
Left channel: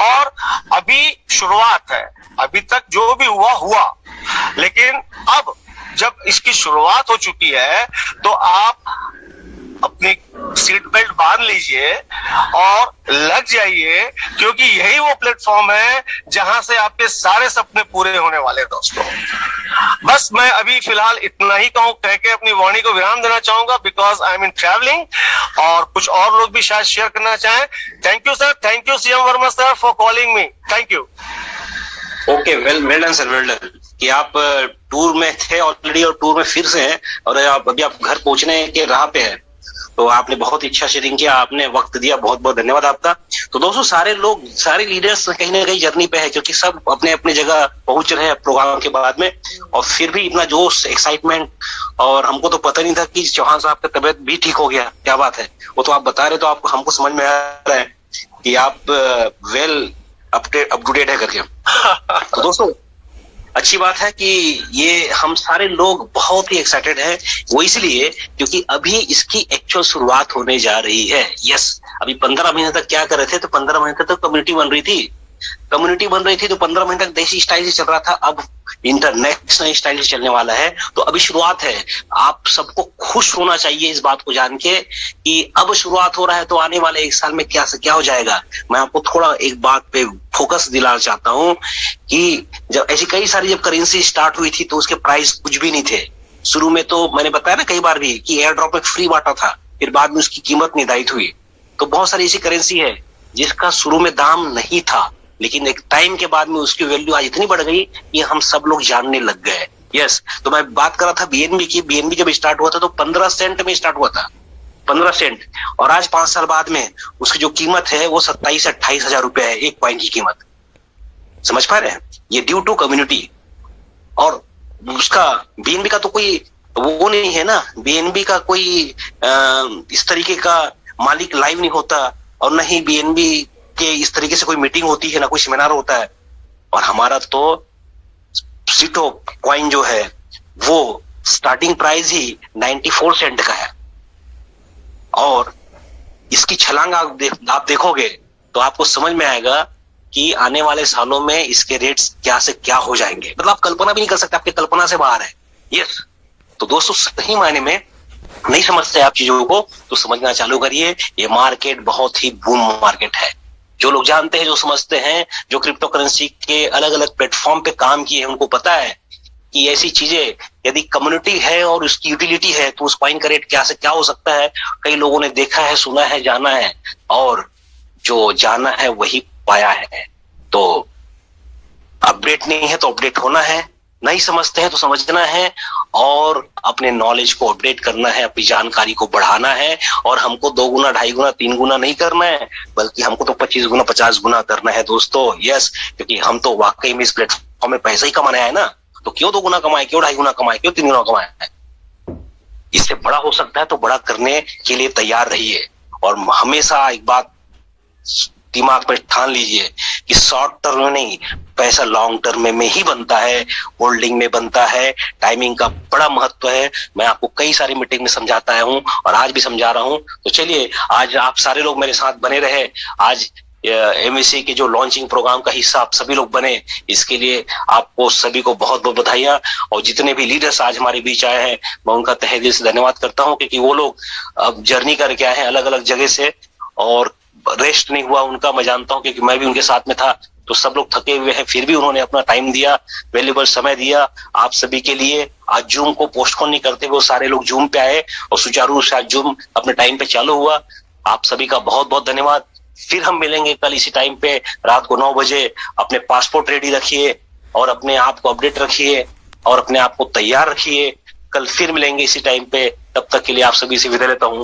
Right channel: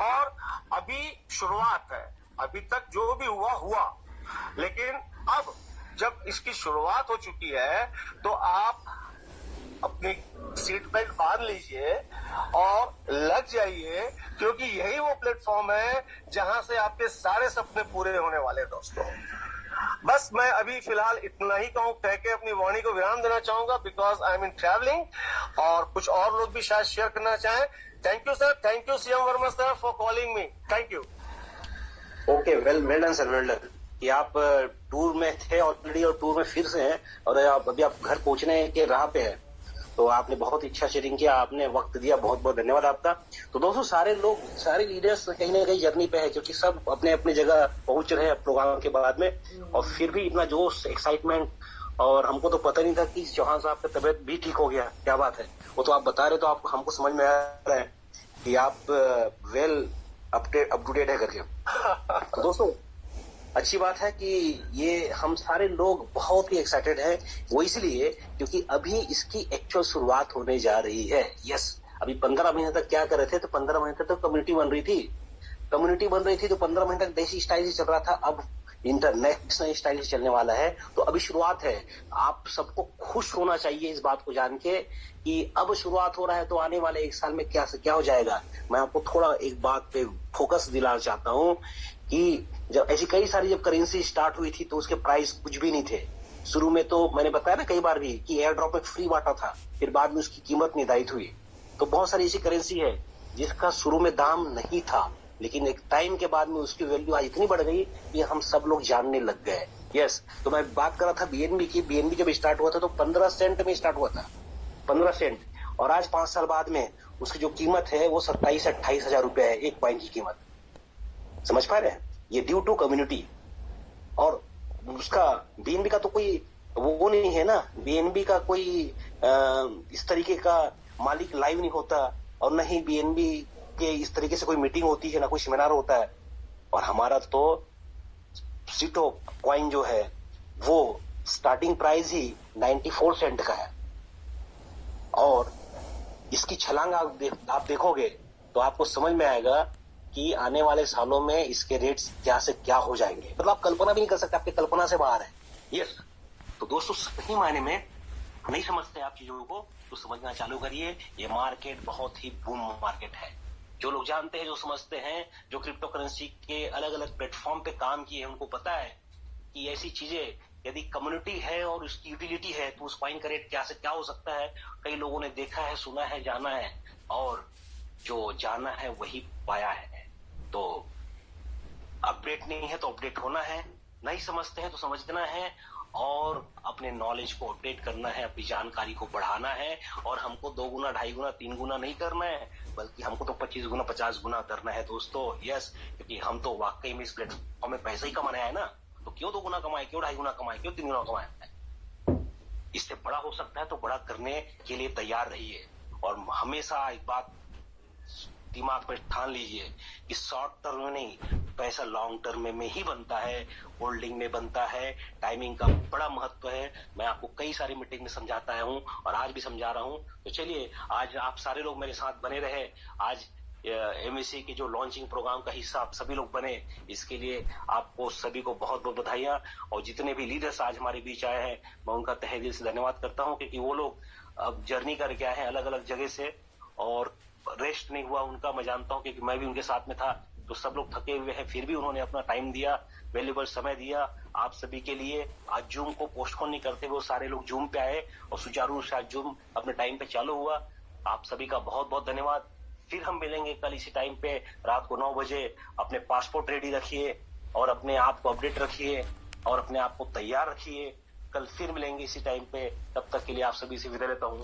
और अभी शुरुआत है, अभी तक जो भी हुआ, लेकिन अब जब इसकी शुरुआत हो चुकी है तो आप अपनी सीट बेल्ट बांध लीजिए और लग जाइए, क्योंकि यही वो प्लेटफॉर्म है जहां से आपके सारे सपने पूरे होने वाले हैं दोस्तों। बस मैं अभी फिलहाल इतना ही कह के अपनी वाणी को विराम देना चाहूंगा, because I am in travelling, और कुछ और लोग भी शायद शेयर करना चाहें। Thank you sir, thank you CM Verma sir for calling me, thank you. Okay, well done sir, well done कि आप टूर में थे ऑलरेडी और टूर में फिर से हैं और अभी आप घर पहुंचने के राह पे हैं। तो आपने बहुत ही अच्छा शेयरिंग किया, आपने वक्त दिया, बहुत बहुत धन्यवाद आपका। तो दोस्तों सारे लोग, सारे लीडर्स कहीं ना कहीं जर्नी पे है, क्योंकि सब अपने अपने जगह पहुंच रहे हैं प्रोग्राम के बाद में, और फिर भी इतना जोश, एक्साइटमेंट। और हमको तो पता नहीं था कि चौहान साहब का तबियत भी ठीक हो गया, क्या बात है। वो तो आप बता रहे तो आपको, हमको समझ में आ रहा है कि आप वेल अप टू डेट है करके। तो दोस्तों अच्छी बात है कि ये हम सारे लोग बहुत ही एक्साइटेड हैं, वो इसलिए क्योंकि अभी इसकी एक्चुअल शुरुआत होने जा रही है। यस, अभी 15 महीने तक क्या कर रहे थे, तो 15 महीने तक कम्युनिटी बन रही थी, तो 15 महीने तक देसी स्टाइल से चल रहा था, अब इंटरनेशनल स्टाइल से चलने वाला है। तो अभी शुरुआत है, आप सबको खुश होना चाहिए इस बात को जान के कि अब शुरुआत हो रहा है, तो आने वाले 1 साल में क्या से क्या हो जाएगा। मैं आपको थोड़ा एक बात पे फोकस दिलाना चाहता हूं कि जब ऐसी कई सारी जब करेंसी स्टार्ट हुई थी तो उसके प्राइस कुछ भी नहीं थे। शुरू में तो मैंने बताया ना कई बार भी कि एयर ड्रॉप एक फ्री बांटा था, फिर बाद में उसकी कीमत निर्धारित हुई। तो बहुत सारी ऐसी करेंसी है जिसका शुरू में दाम नहीं था, लेकिन एक टाइम के बाद में उसकी वैल्यू आज इतनी बढ़ गई कि हम सब लोग जानने लग गए। यस, तो मैं बात कर रहा था बीएनबी की। बीएनबी जब स्टार्ट हुआ था तो 15 सेंट में स्टार्ट हुआ था, 15 सेंट, और आज 5 साल बाद में उसकी जो कीमत है वो 27 से 28 हजार रुपए है एक कॉइन की कीमत। समझ पा रहे हैं? ये ड्यू टू कम्युनिटी। और उसका बीएनबी का तो कोई वो नहीं है ना, बीएनबी का कोई इस तरीके का मालिक लाइव नहीं होता, और न ही बीएनबी के इस तरीके से कोई मीटिंग होती है, ना कोई सेमिनार होता है। और हमारा तो सिटो कॉइन जो है वो स्टार्टिंग प्राइस ही 94 सेंट का है, और इसकी छलांग आप देखोगे तो आपको समझ में आएगा कि आने वाले सालों में इसके रेट्स क्या से क्या हो जाएंगे। मतलब आप कल्पना भी नहीं कर सकते, आपकी कल्पना से बाहर है। यस, तो दोस्तों सही मायने में नहीं समझते आप चीजों को तो समझना चालू करिए। ये मार्केट बहुत ही बूम मार्केट है। जो लोग जानते हैं, जो समझते हैं, जो क्रिप्टो करेंसी के अलग अलग प्लेटफॉर्म पे काम किए हैं, उनको पता है कि ऐसी चीजें यदि कम्युनिटी है और उसकी यूटिलिटी है तो उस कॉइन का रेट क्या से क्या हो सकता है। कई लोगों ने देखा है, सुना है, जाना है, और जो जाना है वही पाया है। तो अपडेट नहीं है तो अपडेट होना है, नहीं समझते हैं तो समझना है, और अपने नॉलेज को अपडेट करना है, अपनी जानकारी को बढ़ाना है। और हमको 2 गुना, 2.5 गुना, 3 गुना नहीं करना है, बल्कि हमको तो 25 गुना, 50 गुना करना है दोस्तों। यस, क्योंकि हम तो वाकई में इस प्लेटफॉर्म में पैसा ही कमाना है ना, तो क्यों 2 गुना कमाए, क्यों 2.5 गुना कमाए, क्यों 3 गुना कमाए। इससे बड़ा हो सकता है तो बड़ा करने के लिए तैयार रहिए। और हमेशा एक बात दिमाग में ठान लीजिए कि शॉर्ट टर्म में नहीं, पैसा लॉन्ग टर्म में ही बनता है, होल्डिंग में बनता है। टाइमिंग का बड़ा महत्व है। मैं आपको कई सारी मीटिंग में समझाता आया हूं और आज भी समझा रहा हूं। तो चलिए, आज आप सारे लोग मेरे साथ बने रहे। आज एमएससी के जो लॉन्चिंग प्रोग्राम का हिस्सा आप सभी लोग बने, इसके लिए आपको सभी को बहुत बहुत बधाइयां। और जितने भी लीडर्स आज हमारे बीच आए हैं, मैं उनका तहे दिल से धन्यवाद करता हूं, क्योंकि वो लोग अब जर्नी करके आए हैं अलग अलग जगह से, और रेस्ट नहीं हुआ उनका, मैं जानता हूं, क्योंकि मैं भी उनके साथ में था। तो सब लोग थके हुए हैं, फिर भी उन्होंने अपना टाइम दिया, वैल्यूबल समय दिया आप सभी के लिए। आज जूम को पोस्टपोन नहीं करते हुए सारे लोग जूम पे आए और सुचारू रूप से आज जूम अपने टाइम पे चालू हुआ। आप सभी का बहुत बहुत धन्यवाद। फिर हम मिलेंगे कल इसी टाइम पे रात को 9 बजे। अपने पासपोर्ट रेडी रखिए और अपने आप को अपडेट रखिए और अपने आप को तैयार रखिए। कल फिर मिलेंगे इसी टाइम पे, तब तक के लिए आप सभी से विदा लेता हूँ।